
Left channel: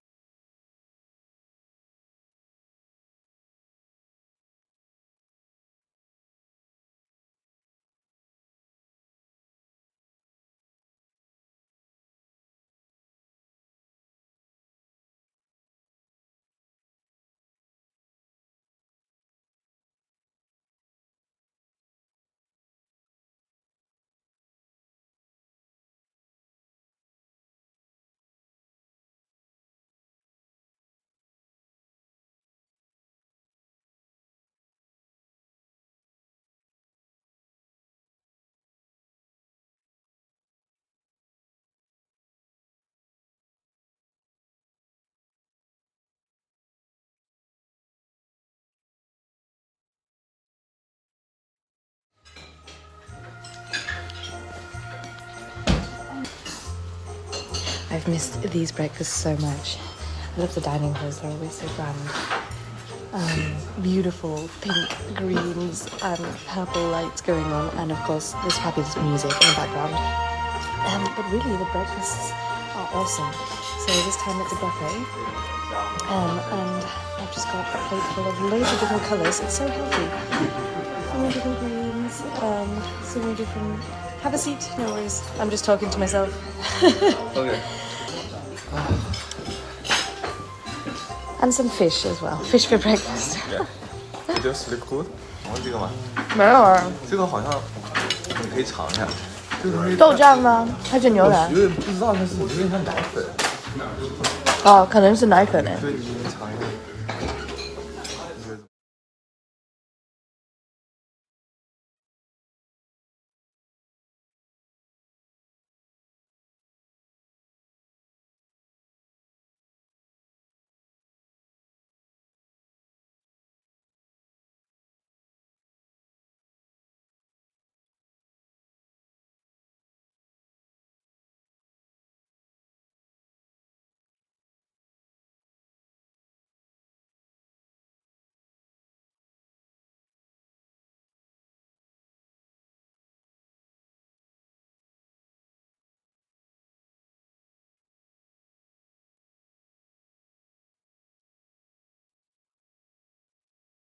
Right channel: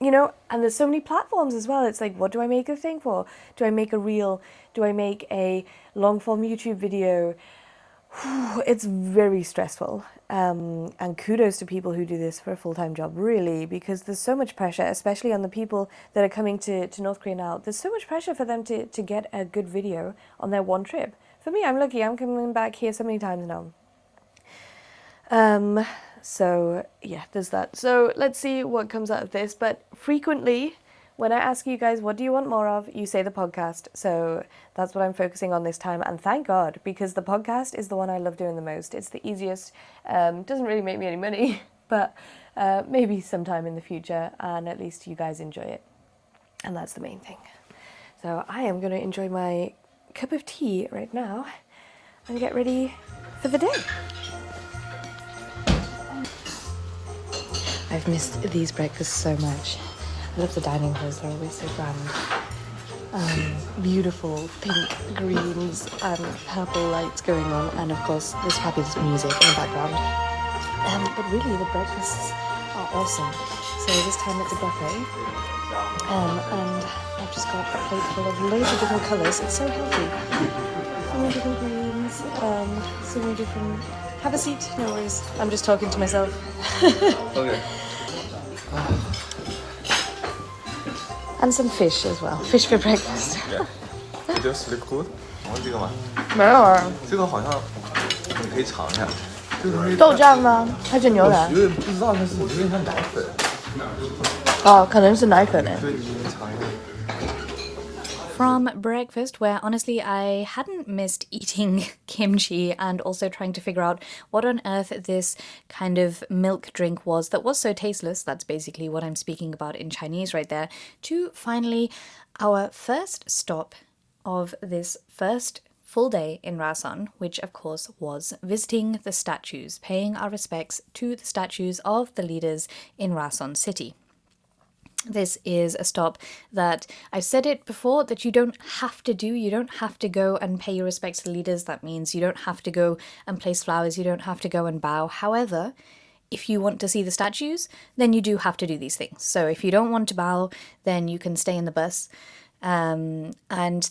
you know, and there's so many platforms as well. It's like, what do I make a thing for? Do I make a reel? Do I make a long form YouTube video? It's very stressful. And kudos to people who do this for a full-time job, really, because there's so much pressure, especially on the people that are coming to North Korea now. There's so much pressure for them to get a good video on their one trip. For me, I'm lucky. I'm coming back here so many times now. So, yeah, there's that. So let's see what comes out of this. But frequently, when I ask you guys, what do you want more of? You say the podcast. So that's what I'm focusing on this time. And thank God, because the podcast is the one I love doing the most. It's the easiest. Doesn't really make me any money, but maybe sometime in the future. And at least you guys enjoy it. And that's the main thing. So I am going to enjoy my cup of tea right now and get ready for the day. I've missed these breakfasts so much. I love the dining halls, they're always so grand. Beautiful pink, greens and purple lights going on, and of course this fabulous music in the background. But really the breakfasts are awesome. So this time it's a buffet, and I've just got a plate full of loads of different colours. It's so healthy. So many different greens, so many different... Have a seat, no worries. I'm just talking to myself. Okay. And some fish as well. Fish for breakfast. Yeah. It does look good. 然后这个吗？没有啊，这个好像你可以尝一下。这个东西豆酱吗？还是牛腩？我有点不知道，但是有点像奶粉。哦，可能是奶粉诶。对，你尝一下。From breakfast, where honestly I hadn't missed eating kimchi and also trying to figure out what on earth this kind of milk drink was that was so tasteless. That's basically what I'm speaking about in Chinese right there. To finally our first stop of this first full day in Rason, which of course was visiting the statues, paying our respects to the statues of the leaders in Rason City. This is a stop that I've said it before that you don't have to do. You don't have to go and pay your respects to the leaders. That means you don't have to go and place flowers. You don't have to go and bow. However, if you want to see the statues, then you do have to do these things. So if you don't want to bow, then you can stay in the bus. And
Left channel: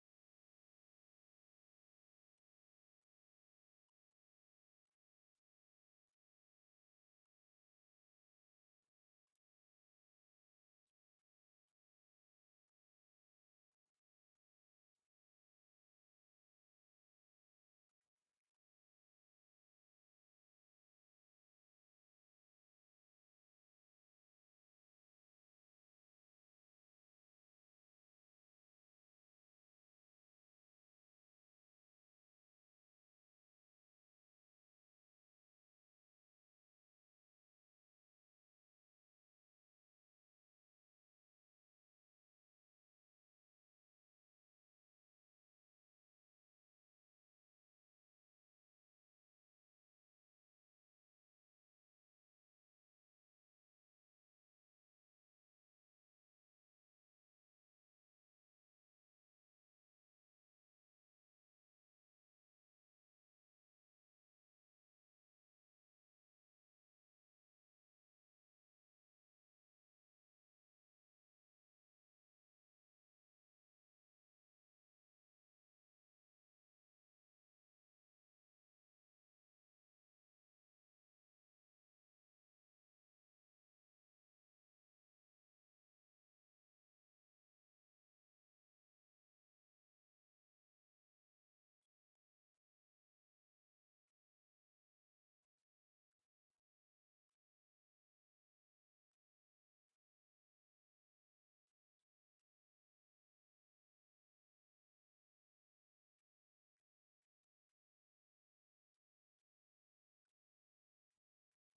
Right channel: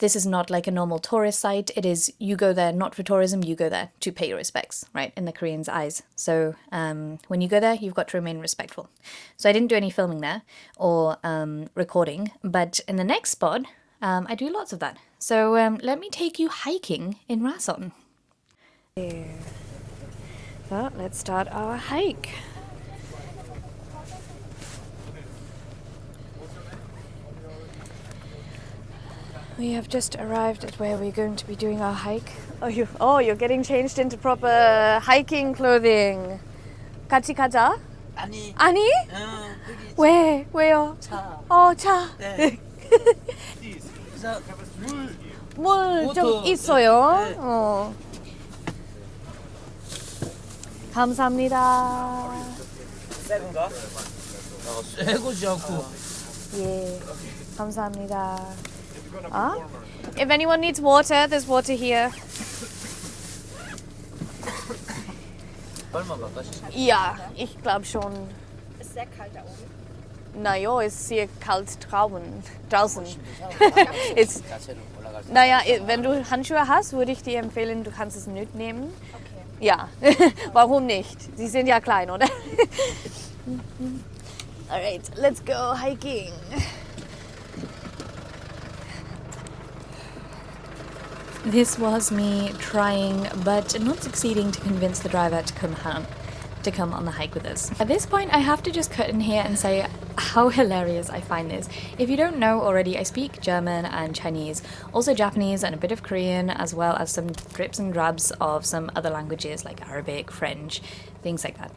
this is not like a normal tourist site. It is, you go there not for tourism, you go there to pay your respects, right, in the Koreans' eyes. So when you go there, you've got to remain respectful. So I didn't do any filming there or recording, but in the next spot, I do lots of that. So let me take you hiking in Rason. So let's start our hike. We have just arrived at where we're going to be doing our hike. You're getting changed into proper hiking clothing. 같이 가자. 아니. 아니? 왜? 왜요? 차. 차. 네. 그래서 물 좀 워터. 있어요. 네. 감사합니다. 새건가? 새거지 않고. 예. 감사합니다. If anyone needs water, there's water here. 얼마 바꿔시? Ja, ich glaube schon. Ist sehr kalt da oben. Naja, ist sehr kalt draußen. It's, 자체로 올라갈 수. naja, wenn du Handschuhe hast, würde ich dir empfehlen, du kannst es mitnehmen. Okay. Ja, warum nicht? Sie sind ja klein, oder? Alright, let's go hiking. This was me trying, but not succeeding to convince the driver to come on the hike with us. At this point, I have to just cut in here and say how hilarious I find this. If you don't know already, I speak German and Chinese, also Japanese and a bit of Korean, as well as some drips and drabs of some other languages like Arabic, French, things like that.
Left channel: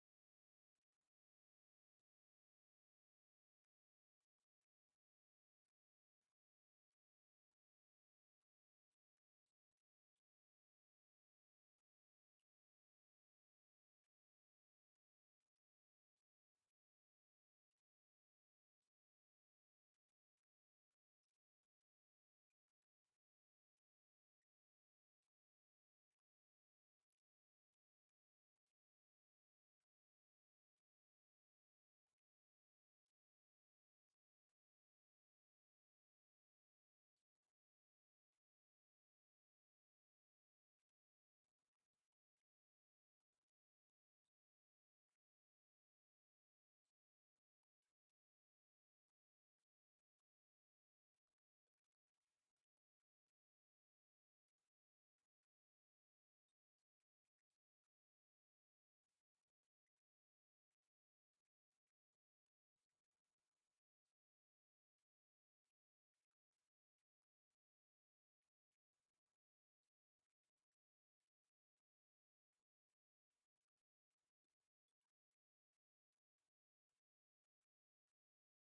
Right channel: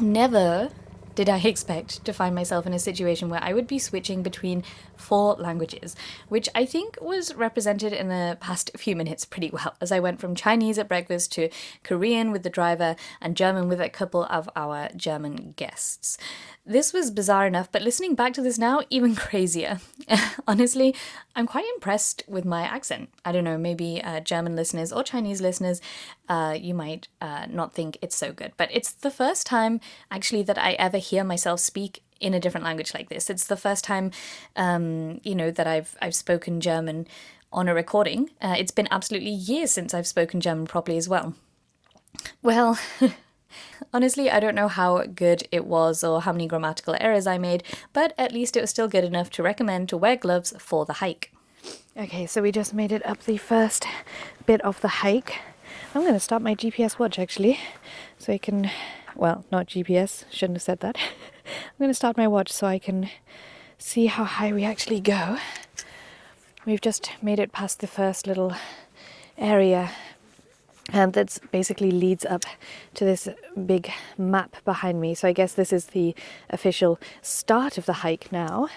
Never did I expect to find myself in a situation where I would be switching between 4 languages, which I think was represented in the past few minutes pretty well, as I went from Chinese at breakfast to Korean with the driver and German with a couple of our German guests. This was bizarre enough, but listening back to this now, even crazier. Honestly, I'm quite impressed with my accent. I don't know, maybe German listeners or Chinese listeners, you might not think it's so good. But it's the first time, actually, that I ever hear myself speak in a different language like this. It's the first time, that I've spoken German on a recording. It's been absolutely years since I've spoken German properly as well. Well... Honestly, I don't know how good it was or how many grammatical errors I made, but at least it was still good enough to recommend to wear gloves for the hike. Okay, so we just made it up the first bit of the hike. I'm going to start my GPS watch actually, so I can, well, not GPS, shouldn't have said that. I'm going to start my watch so I can see how high we actually go. We've just made it past the first little area that basically leads up to this big map behind me. So I guess this is the official start of the hike now.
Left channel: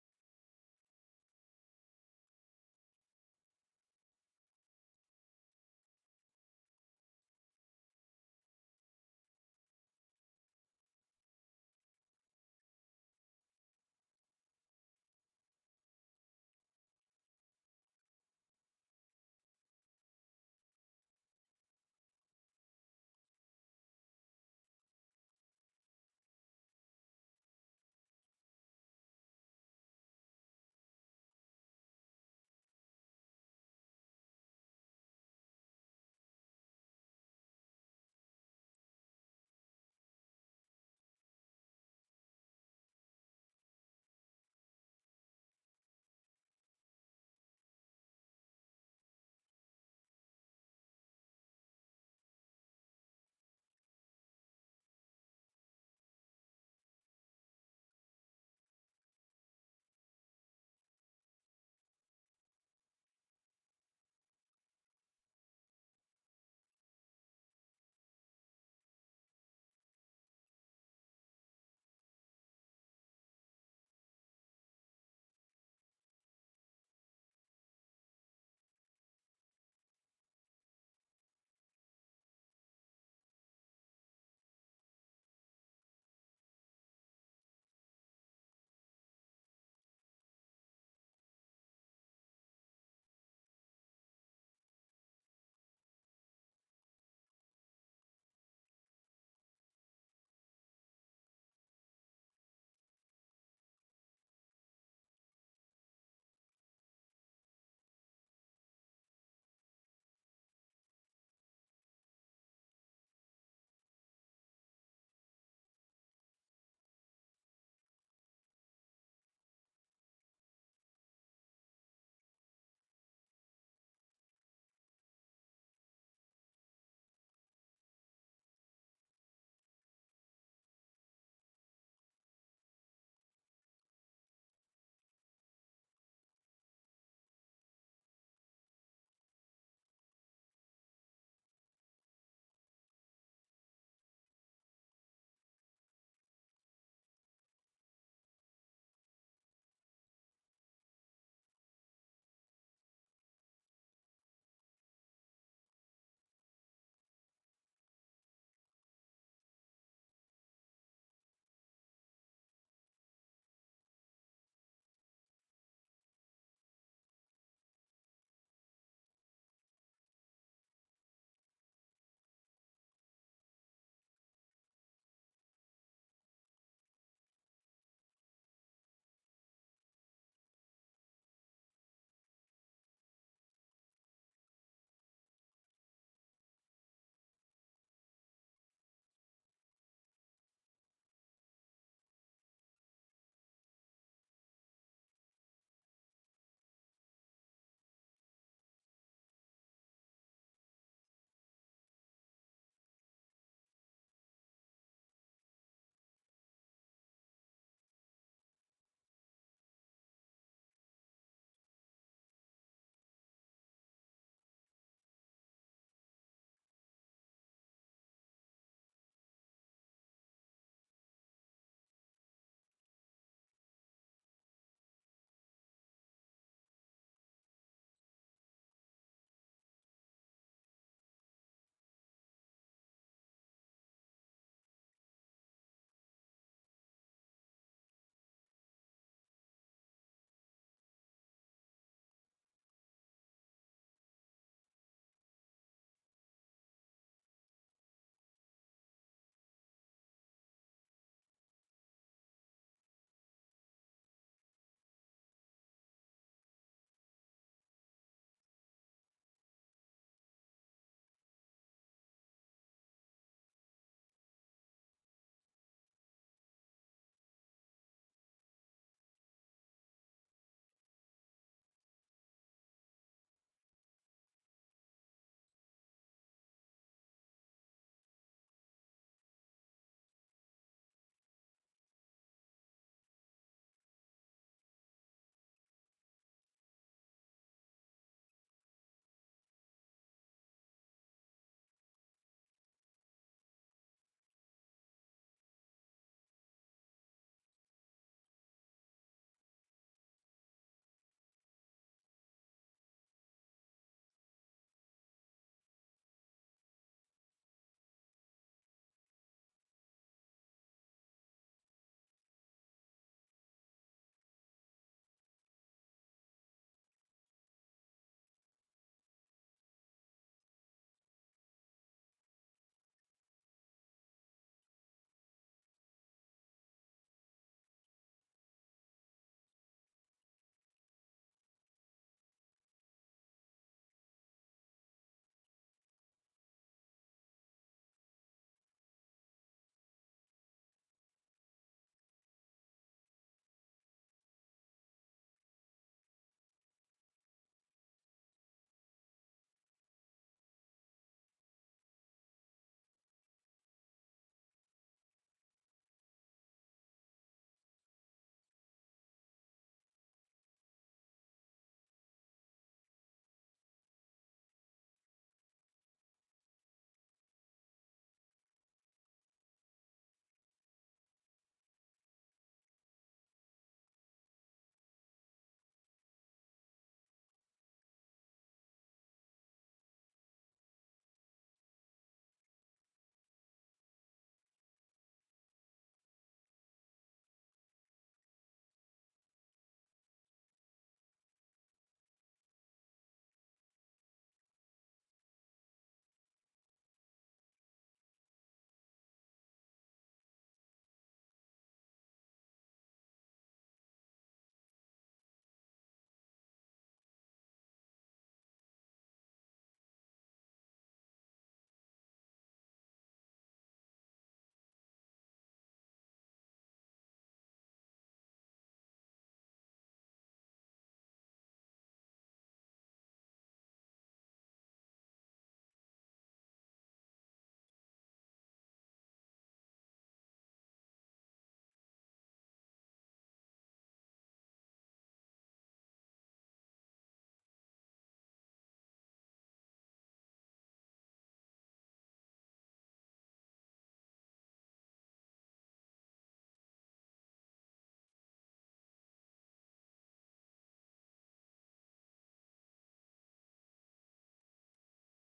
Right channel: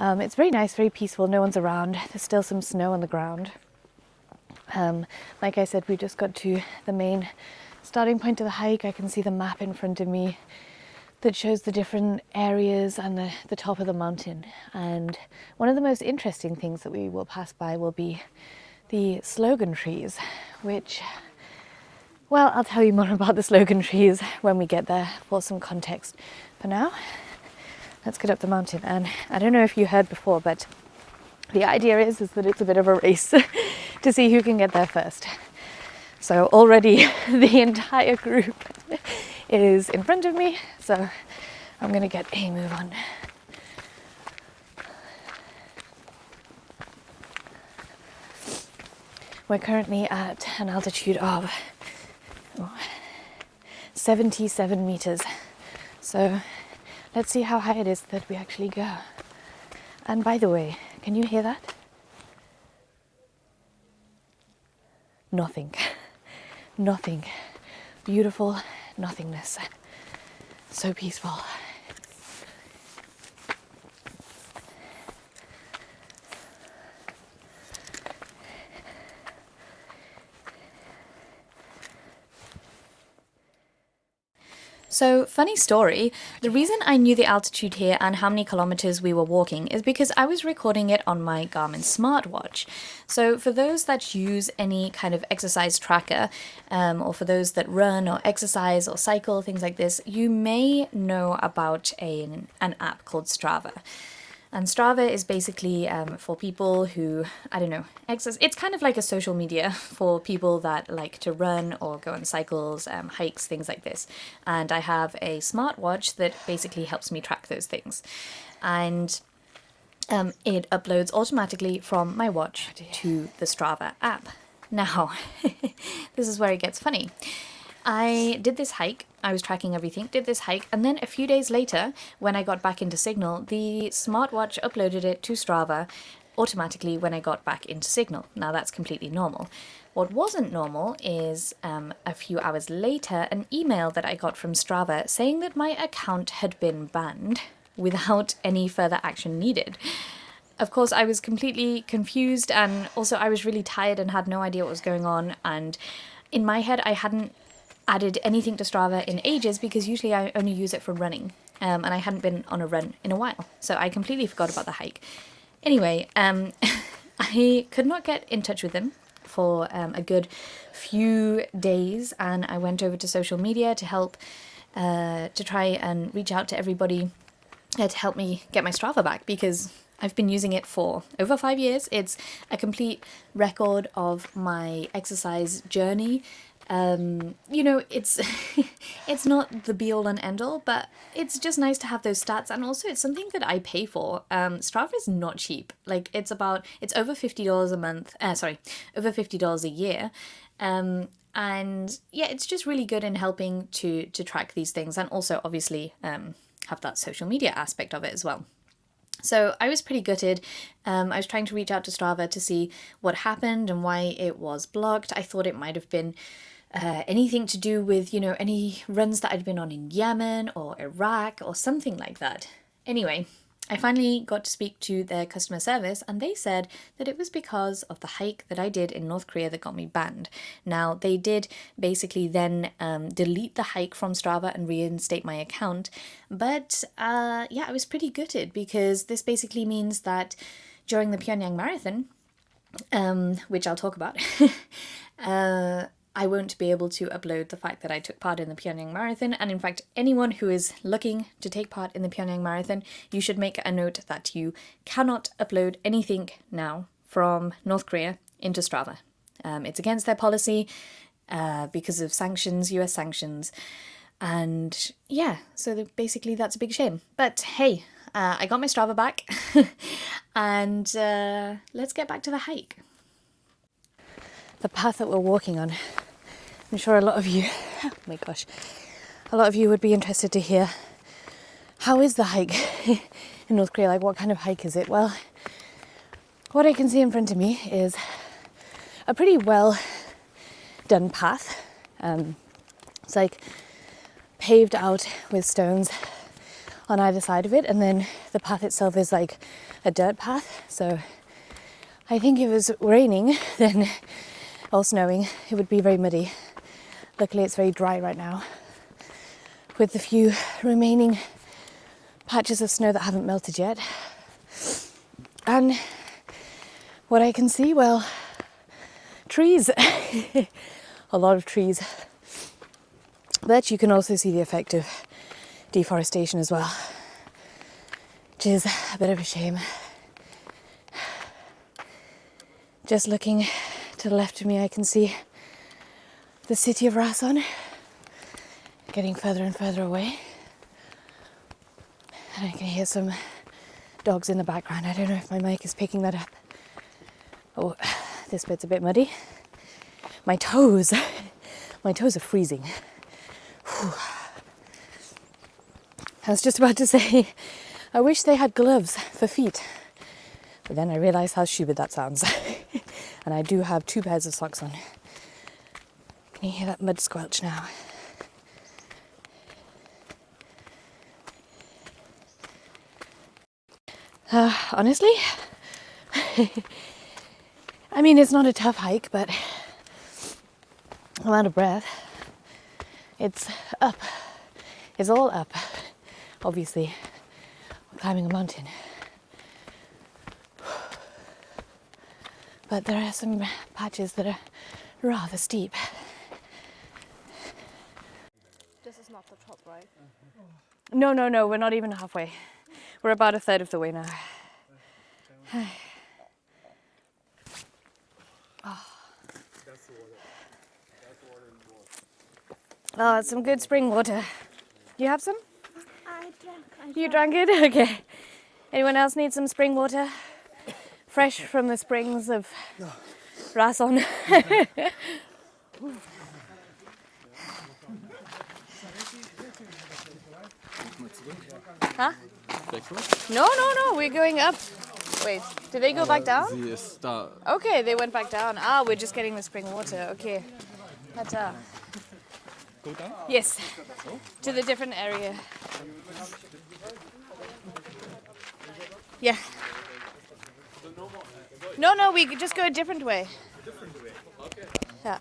It's very nice, very peaceful, no one's around. There's still some snow on the ground. Like I said, we just got to the main starting point of the hike. I can see the map in front of me that shows the different areas and the top of the mountain. And one of the most interesting things that we will pass by will be the slogan trees, which, well, I'll tell you more about the slogan trees when we get there for some context. For now, let's get up the mountain. And I don't know if you heard before, but the idea is that it's a bit of a race to see who can get there first. So already the entire group is in front of me, so I'm gonna get a move on. We're currently at an altitude of 77 meters. So let's see how high it is that we actually go. And by the way, can you hear that? Nothing. Nothing. Beautiful nothingness. So peaceful. So, funny story, the reason I knew the altitude here and how many kilometers we were walking is because I was recording it on my Garmin smartwatch. So for those that use any kind of exercise tracker, or for those that run or exercise or cycle, things like this, you may know about an app called Strava. And Strava is basically for people who, I don't know, exercise. It's kind of like a social media for people that like to run or go on cycles, hikes, things like this. And I have a smartwatch that basically helps me track those things. And it uploads automatically from my watch to the Strava app. Now, this is where it gets funny. I did this hike, I was tracking everything, did this hike, and then a few days later, when I got back into Signal, the smartwatch uploaded it to Strava automatically when I got back into Signal. Now that's completely normal. What wasn't normal is a few hours later, an email that I got from Strava saying that my account had been banned without any further action needed. Of course, I was completely confused, and also I was really tired and had no idea what was going on, and in my head I hadn't added anything to Strava in ages because usually I only use it for running, and I hadn't been on a run in a while, so I completely forgot about the hike. Anyway, I could not get in touch with them for a good few days, and I went over to social media to help to try and reach out to everybody to help me get my Strava back, because I've been using it for over 5 years. It's a complete record of my exercise journey. You know, it's it's not the be all and end all, but it's just nice to have those stats, and also it's something that I pay for. Strava is not cheap. Like it's over $50 a month. Over $50 a year. And yeah, it's just really good in helping to track these things, and also obviously have that social media aspect of it as well. So I was pretty gutted. I was trying to reach out to Strava to see what happened and why it was blocked. I thought it might have been anything to do with, you know, any runs that I'd been on in Yemen or Iraq or something like that. Anyway, I finally got to speak to their customer service, and they said that it was because of the hike that I did in North Korea that got me banned. Now, they did basically then delete the hike from Strava and reinstate my account, but yeah, I was pretty gutted, because this basically means that during the Pyongyang Marathon, which I'll talk about, I won't be able to upload the fact that I took part in the Pyongyang Marathon. And in fact, anyone who is looking to take part in the Pyongyang Marathon, you should make a note that you cannot upload anything now from North Korea into Strava. It's against their policy because of sanctions, US sanctions. And yeah, so basically that's a big shame. But hey, I got my Strava back and let's get back to the hike. The path that we're walking on, I'm sure a lot of you, oh my gosh, a lot of you would be interested to hear, how is the hike? in North Korea, like what kind of hike is it? Well, what I can see in front of me is a pretty well done path. It's like paved out with stones on either side of it, and then the path itself is like a dirt path. So I think if it was raining then or snowing, it would be very muddy. Luckily it's very dry right now, with the few remaining patches of snow that haven't melted yet. And what I can see, well, trees. A lot of trees. But you can also see the effect of deforestation as well, which is a bit of a shame. Just looking to the left of me, I can see the city of Rason getting further and further away. And I can hear some dogs in the background. I don't know if my mic is picking that up. Oh, this bit's a bit muddy. My toes are freezing. Whew. I was just about to say, I wish they had gloves for feet. But then I realized how stupid that sounds. And I do have 2 pairs of socks on. Can you hear that mud squelch now? Honestly, I mean, it's not a tough hike, but I'm out of breath. It's up. It's all up, obviously. I'm climbing a mountain. But there are some patches that are rather steep. This is not the top, right? No, we're not even halfway. We're about a third of the way now. Oh, it's some good spring water. Do you have some? I drank. You drank it? Okay. Anyone else need some spring water? Fresh from the springs of Rason. Huh? No, we're going up. Wait, did they go back down? Okay, they went back down. Ah, we're just getting the spring water. Okay. Tata. Go down? Yes. To the different area. Yeah. No, we could just go a different way. Yeah.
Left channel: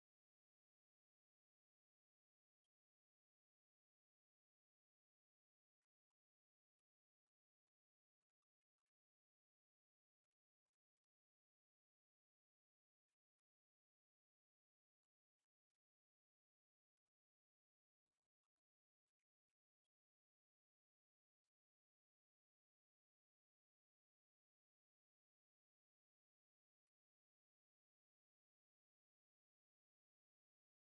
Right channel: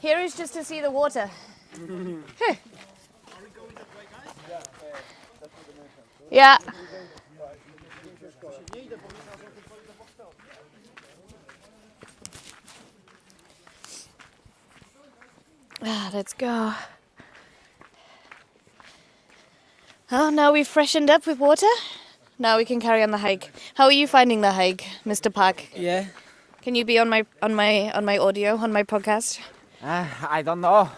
Here is just to see the water. Yeah. Let's go. Oh, now we've freshened up with water. Now we can carry on the hike. How are you finding the hike, Mr. Park? Yeah. Can you be on my audio, on my podcast? I don't know.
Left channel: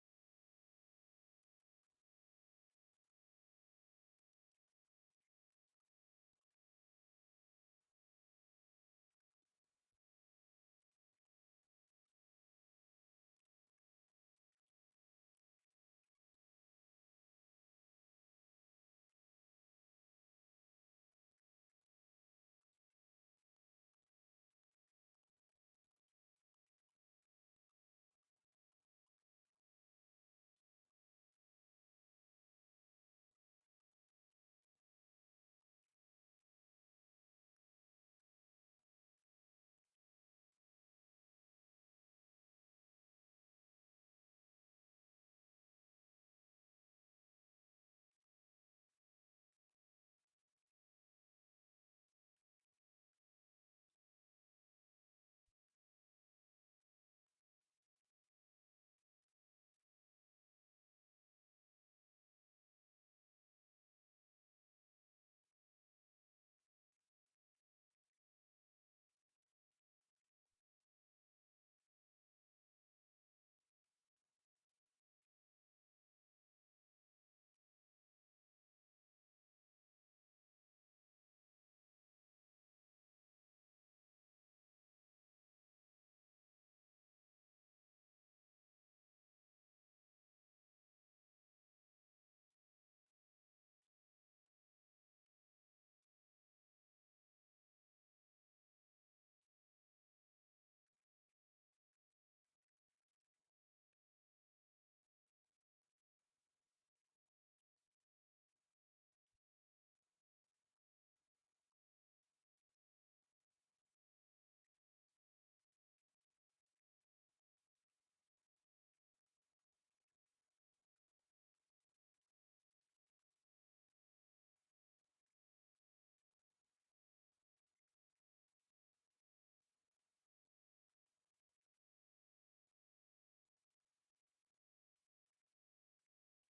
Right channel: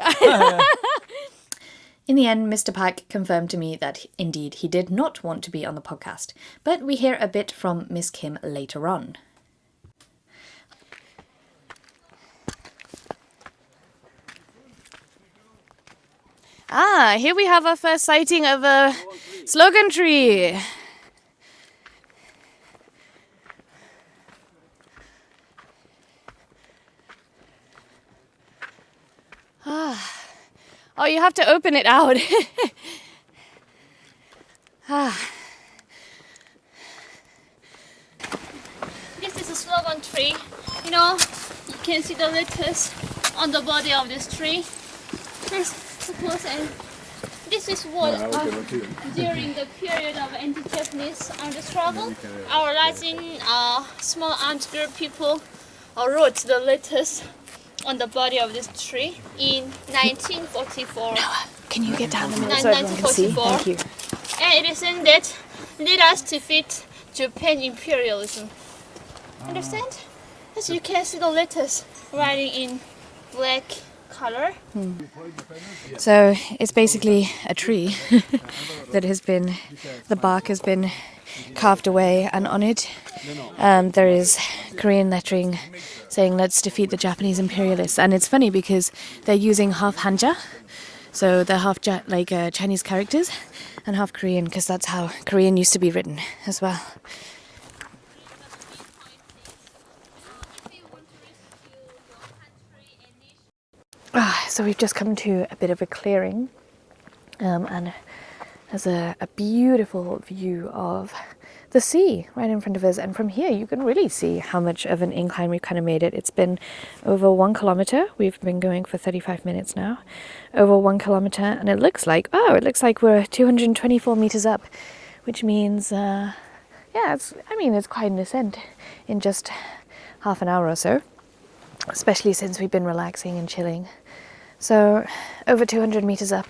In the end, Mr. Park confirmed to me that indeed he did not want to be on the podcast, but we hear a bit from Miss Kim later on. Ah, here we have our first sighting of a slogan tree. Oh, you have to open it out. This is a slogan tree. You know, you can see the letters on the body of this tree. Let's suppose, and this is what during the period of anti-Japanese armed struggle, our rising small armed group people wrote the letters on the body of this tree in 1944. Can you get down a minute so everyone can see? 1944. Thank you. And it is in that led us to defeat Japan imperialism. Understand? As you can see the letters writing in black color. So it's basically a tree that has been, the bark has been carved away, and on it there is Korean lettering saying let's defeat the Japanese imperialists. And it's funny because they're using half hanja, So they're half Chinese characters and half Korean, because that's how Korean used to be written as well. So we've just come to a bit of a clearing, and there's a beautiful view of the sea right in front of us, and from here you can really see how much of an incline we've kind of made it. It's been over 1 kilometer. We've been going for 35 minutes now. Over 1 kilometer, and it looks like we're 224 meters up, which means it's quite an ascent in just half an hour or so, especially since we've been relaxing and chilling. So over 200 meters up,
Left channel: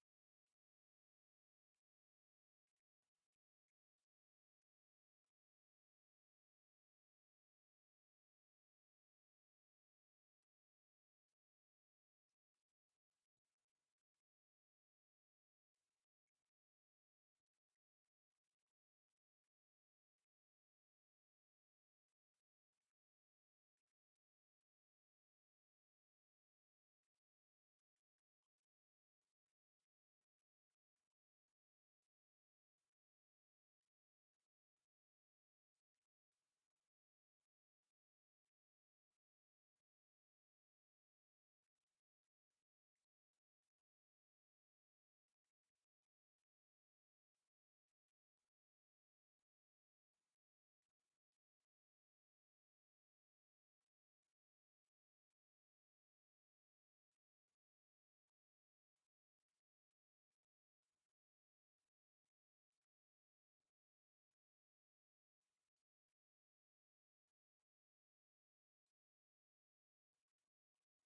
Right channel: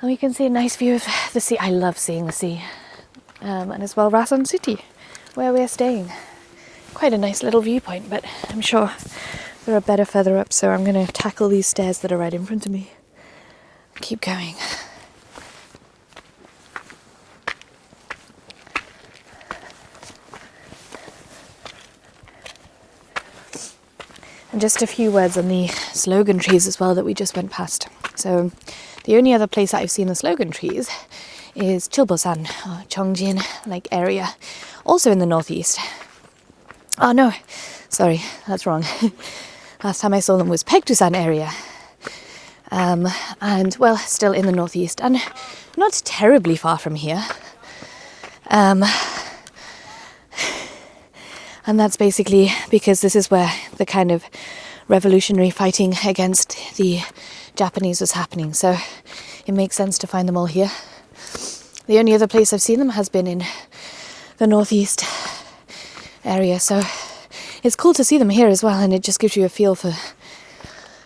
and we can see a nice view of the sea. I love seeing the sea. And as well Rason City, where we're staying. Quite a nice little viewpoint, but I'm sure there are better further up, so I'm going to tackle these stairs that are right in front of me. Keep going. And just a few words on the slogan trees as well that we just went past. So the only other place that I've seen the slogan trees is Chilbosan, or Chongjin area, also in the northeast. Oh no, sorry, that's wrong. Last time I saw them was Paektusan area. And well, still in the northeast, and not terribly far from here. And that's basically because this is where the kind of revolutionary fighting against the Japanese was happening. So it makes sense to find them all here. The only other place I've seen them has been in the northeast area. So it's cool to see them here as well. And it just gives you a feel for,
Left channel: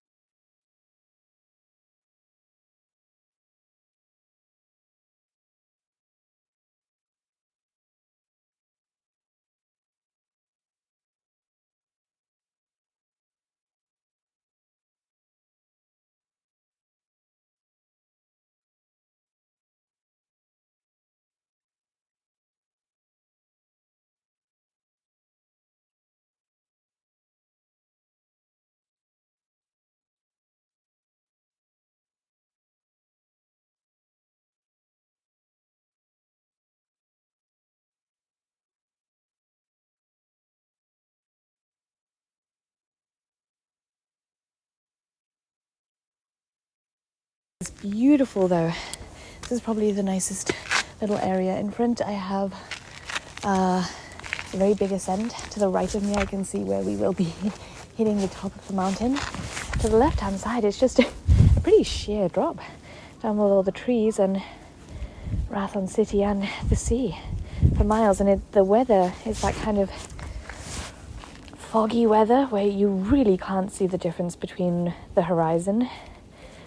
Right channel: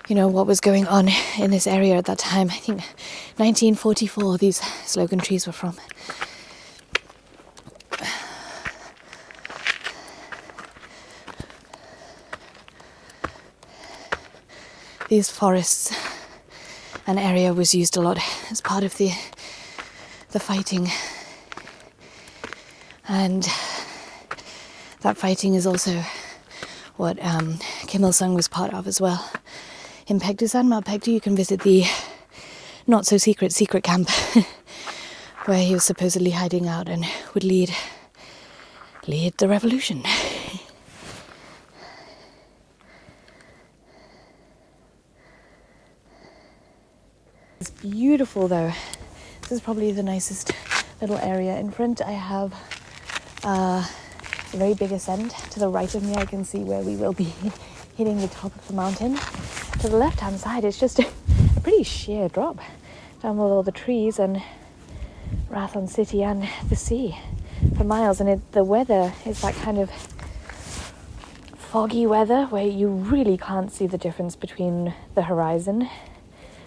what was going on in this area at that time. I think 1944 these slogan trees were from. These forests and area was used a lot as part of the fighting, and that fighting is also what Kim Il-sung was part of as well. In Paektusan, Mount Paektu, you can visit the not so secret camp where he was supposedly hiding out and would lead the revolution. It's beautiful though. This is probably the nicest little area. In front I have a very big ascent. To the right of me I can see where we will be hitting the top of the mountain. To the left hand side it's just a pretty sheer drop down with all the trees and Rason City and the sea for miles. And the weather is that kind of foggy weather where you really can't see the difference between the horizon,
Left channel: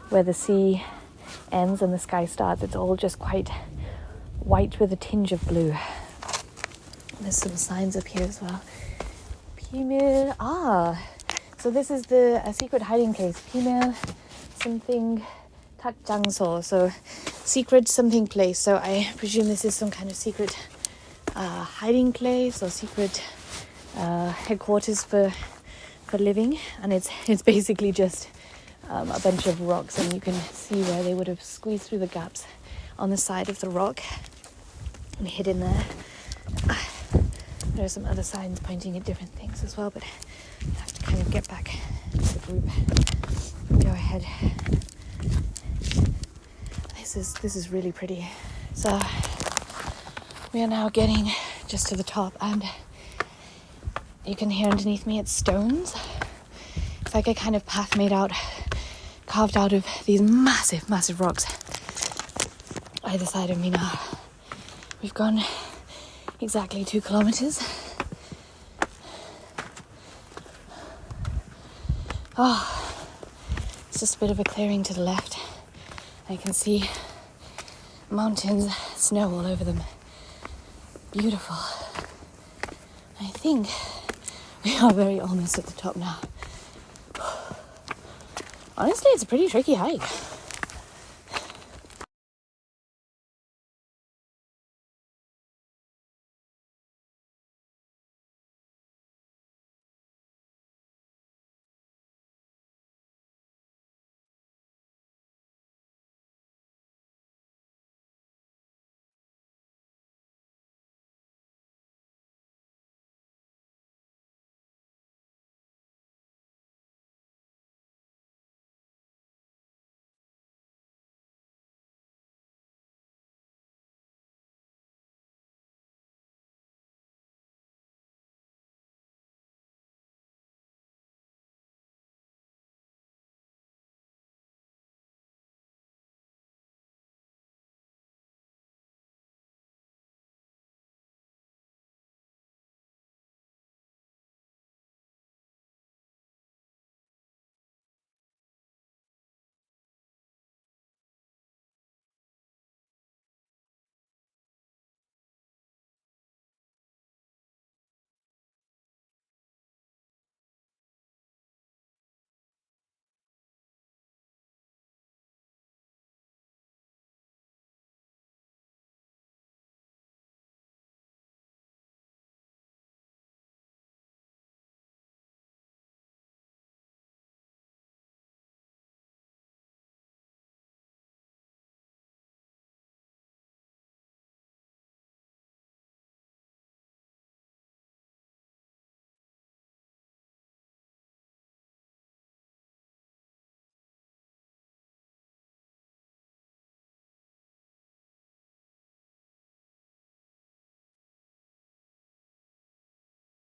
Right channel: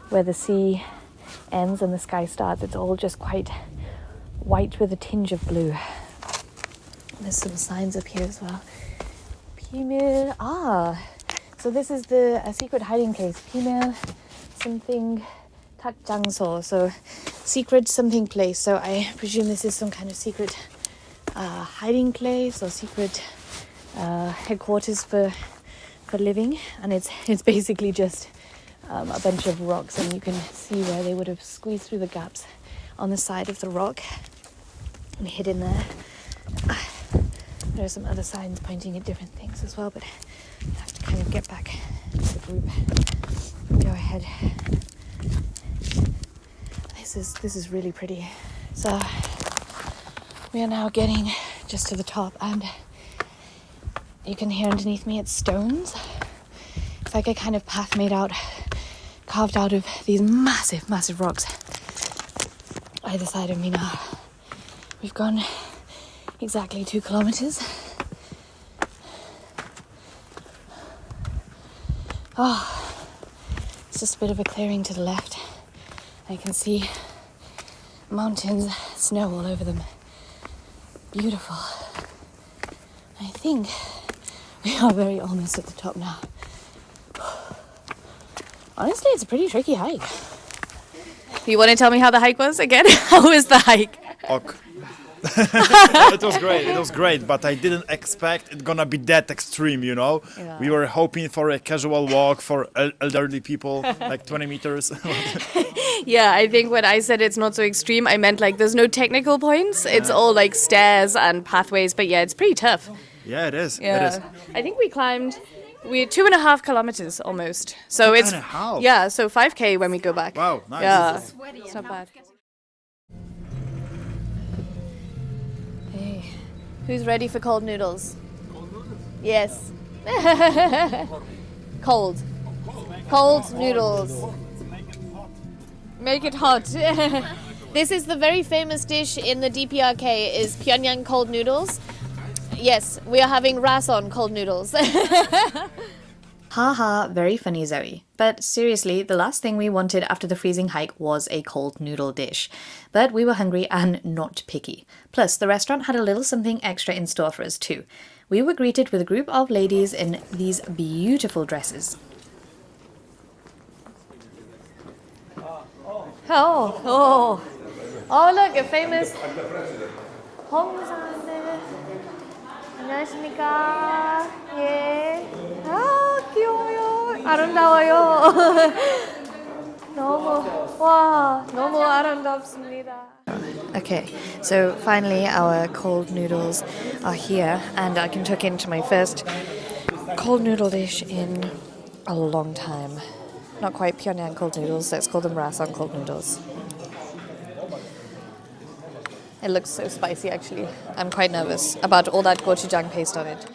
where the sea ends and the sky starts. It's all just quite white with a tinge of blue. There's some signs up here as well. Pimil. So this is a secret hiding place. Pimil something takjangso. So secret something place. So I presume this is some kind of secret hiding place or secret headquarters for living. And it's basically just a bunch of rocks, and you can see where they would have squeezed through the gaps on the side of the rock and hid in there. There are some other signs pointing at different things as well, but I have to kind of get back to the group. Go ahead. This is really pretty. So we are now getting just to the top, and you can hear underneath me it's stones. It's like a kind of path carved out of these massive rocks either side of me now. We've gone exactly 2 kilometers. It's just a bit of a clearing to the left. I can see mountains, snow all over them. Beautiful. I think we are very almost at the top now. Honestly, it's a pretty tricky hike. You want to tell me how the hike was again? How was the hike? Ok. It was great. It was great, but I didn't expect it gonna be that extreme. You know, Yeah. we were hoping for a casual walk for elderly people, like 20 meters. Yeah, I think when I said it's not so extreme, I meant like there's no technical points. It's all like stairs and pathways, but yeah, it's pretty tough. Yeah, it is. It Yeah. is. I think we're 2.5 kilometers almost. So it's 2.5? yeah, so 5K when we go back. Wow, nice. Yeah, it's not bad. Hey, who's ready for cold noodles? Cold noodles? Yes. Cold. Cold noodles. Make it hot. This is the very famous dish in the DPRK is Pyongyang cold noodles. Yes, we are having Rason cold noodles. Haha, very funny, Zoe. But seriously, the last thing we wanted after the freezing hike was a cold noodle dish. But we were hungry and not picky. Plus, the restaurant had a little something extra in store for us too. We were greeted with a group of ladies in these beautiful dresses. Oh, look, a famous 홍사인데. 안녕하십니까? 예. 아, 귀여워요. 아름다워요. 너무 아름답습니다. Okay, so finally our cold noodles are here and I can tuck into my first cold noodle dish in a long time. Not quite Pyongyang cold noodles, let's call them Rason cold noodles. It looks so spicy, actually. I'm quite nervous about all that gochujang paste on it.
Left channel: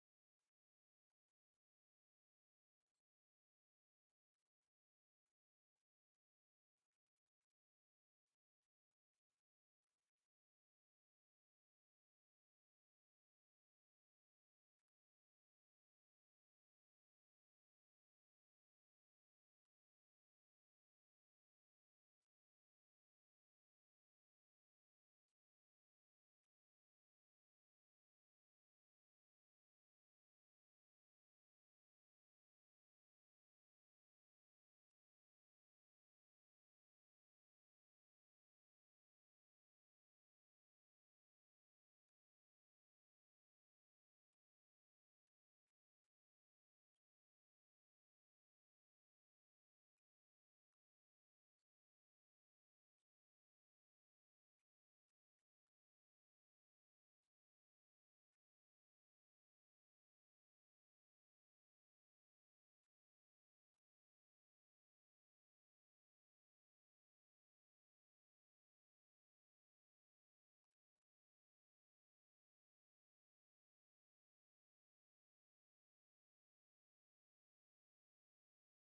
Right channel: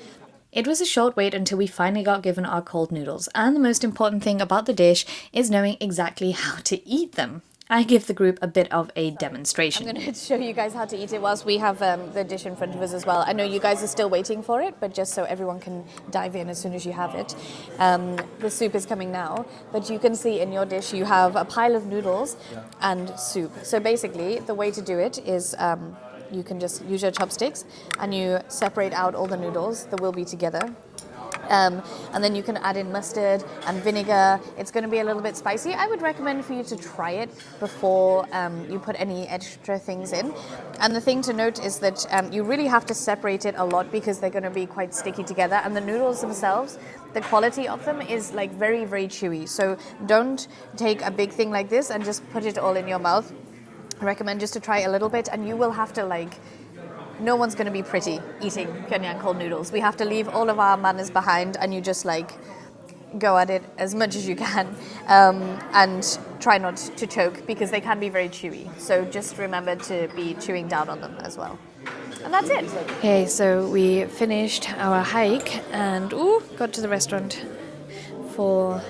It was a short wait until we finally got given our cold noodles, and the most important thing about the dish is knowing exactly how to eat them. I give the group a bit of a demonstration. I'm going to show you guys how to eat it whilst we have the dish in front of us as well. I know you guys are still waiting for it, but just so everyone can dive in as soon as you have it. The soup is coming now, but you can see in your dish you have a pile of noodles and soup. So basically, the way to do it is you can just use your chopsticks and you separate out all the noodles that will be together. And then you can add in mustard and vinegar. It's going to be a little bit spicy. I would recommend for you to try it before you put any extra things in. And the thing to note is that you really have to separate it a lot because they're going to be quite sticky together. And the noodles themselves, the quality of them is like very, very chewy. So don't take a big thing like this and just put it all in your mouth. I recommend just to try a little bit, and you will have to no one's going to be pretty eating Pyongyang cold noodles. We have to leave all of our manners behind and you just go at it as much as you can and try not to choke because they can be very chewy. So just remember to be chewing down on them as well. And that's it. Okay, so we finished our hike and got to the restaurant for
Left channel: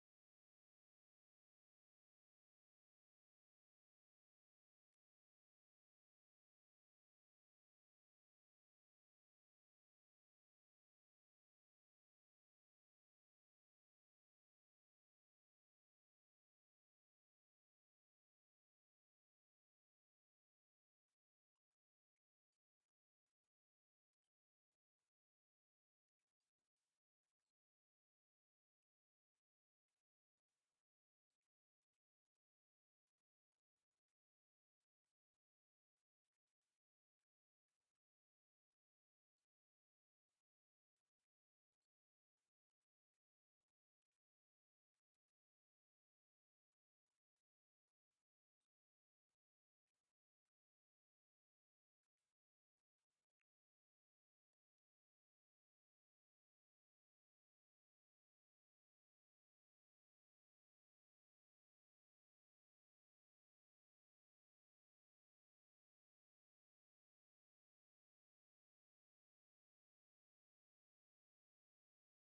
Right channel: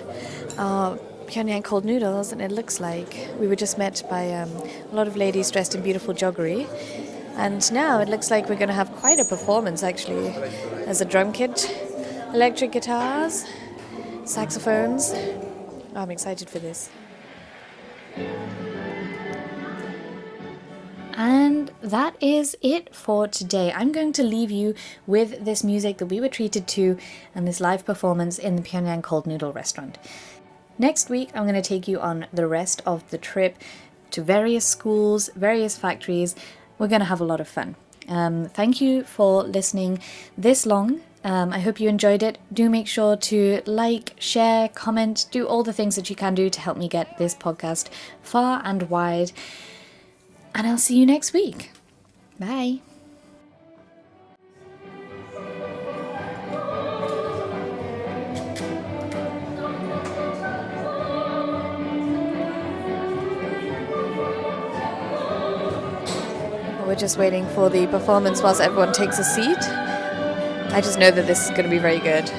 our Pyongyang cold noodles, and it looks like we were just met by a lot of ladies dressed in beautiful joggery. And now it looks like we're going to have quite a performance, actually. There's a drum kit, electric guitars, saxophones. Oh, I'm excited for this. And that is it for today. I'm going to leave you with this music that we were treated to and this live performance in the Pyongyang Cold Noodle restaurant. Next week, I'm going to take you on the rest of the trip to various schools, various factories. We're going to have a lot of fun. Thank you for listening this long. I hope you enjoyed it. Do make sure to like, share, comment, do all the things that you can do to help me get this podcast far and wide. And I'll see you next week. Bye. We're just waiting for the performance whilst everyone takes a seat. I just know that this is going to be very good.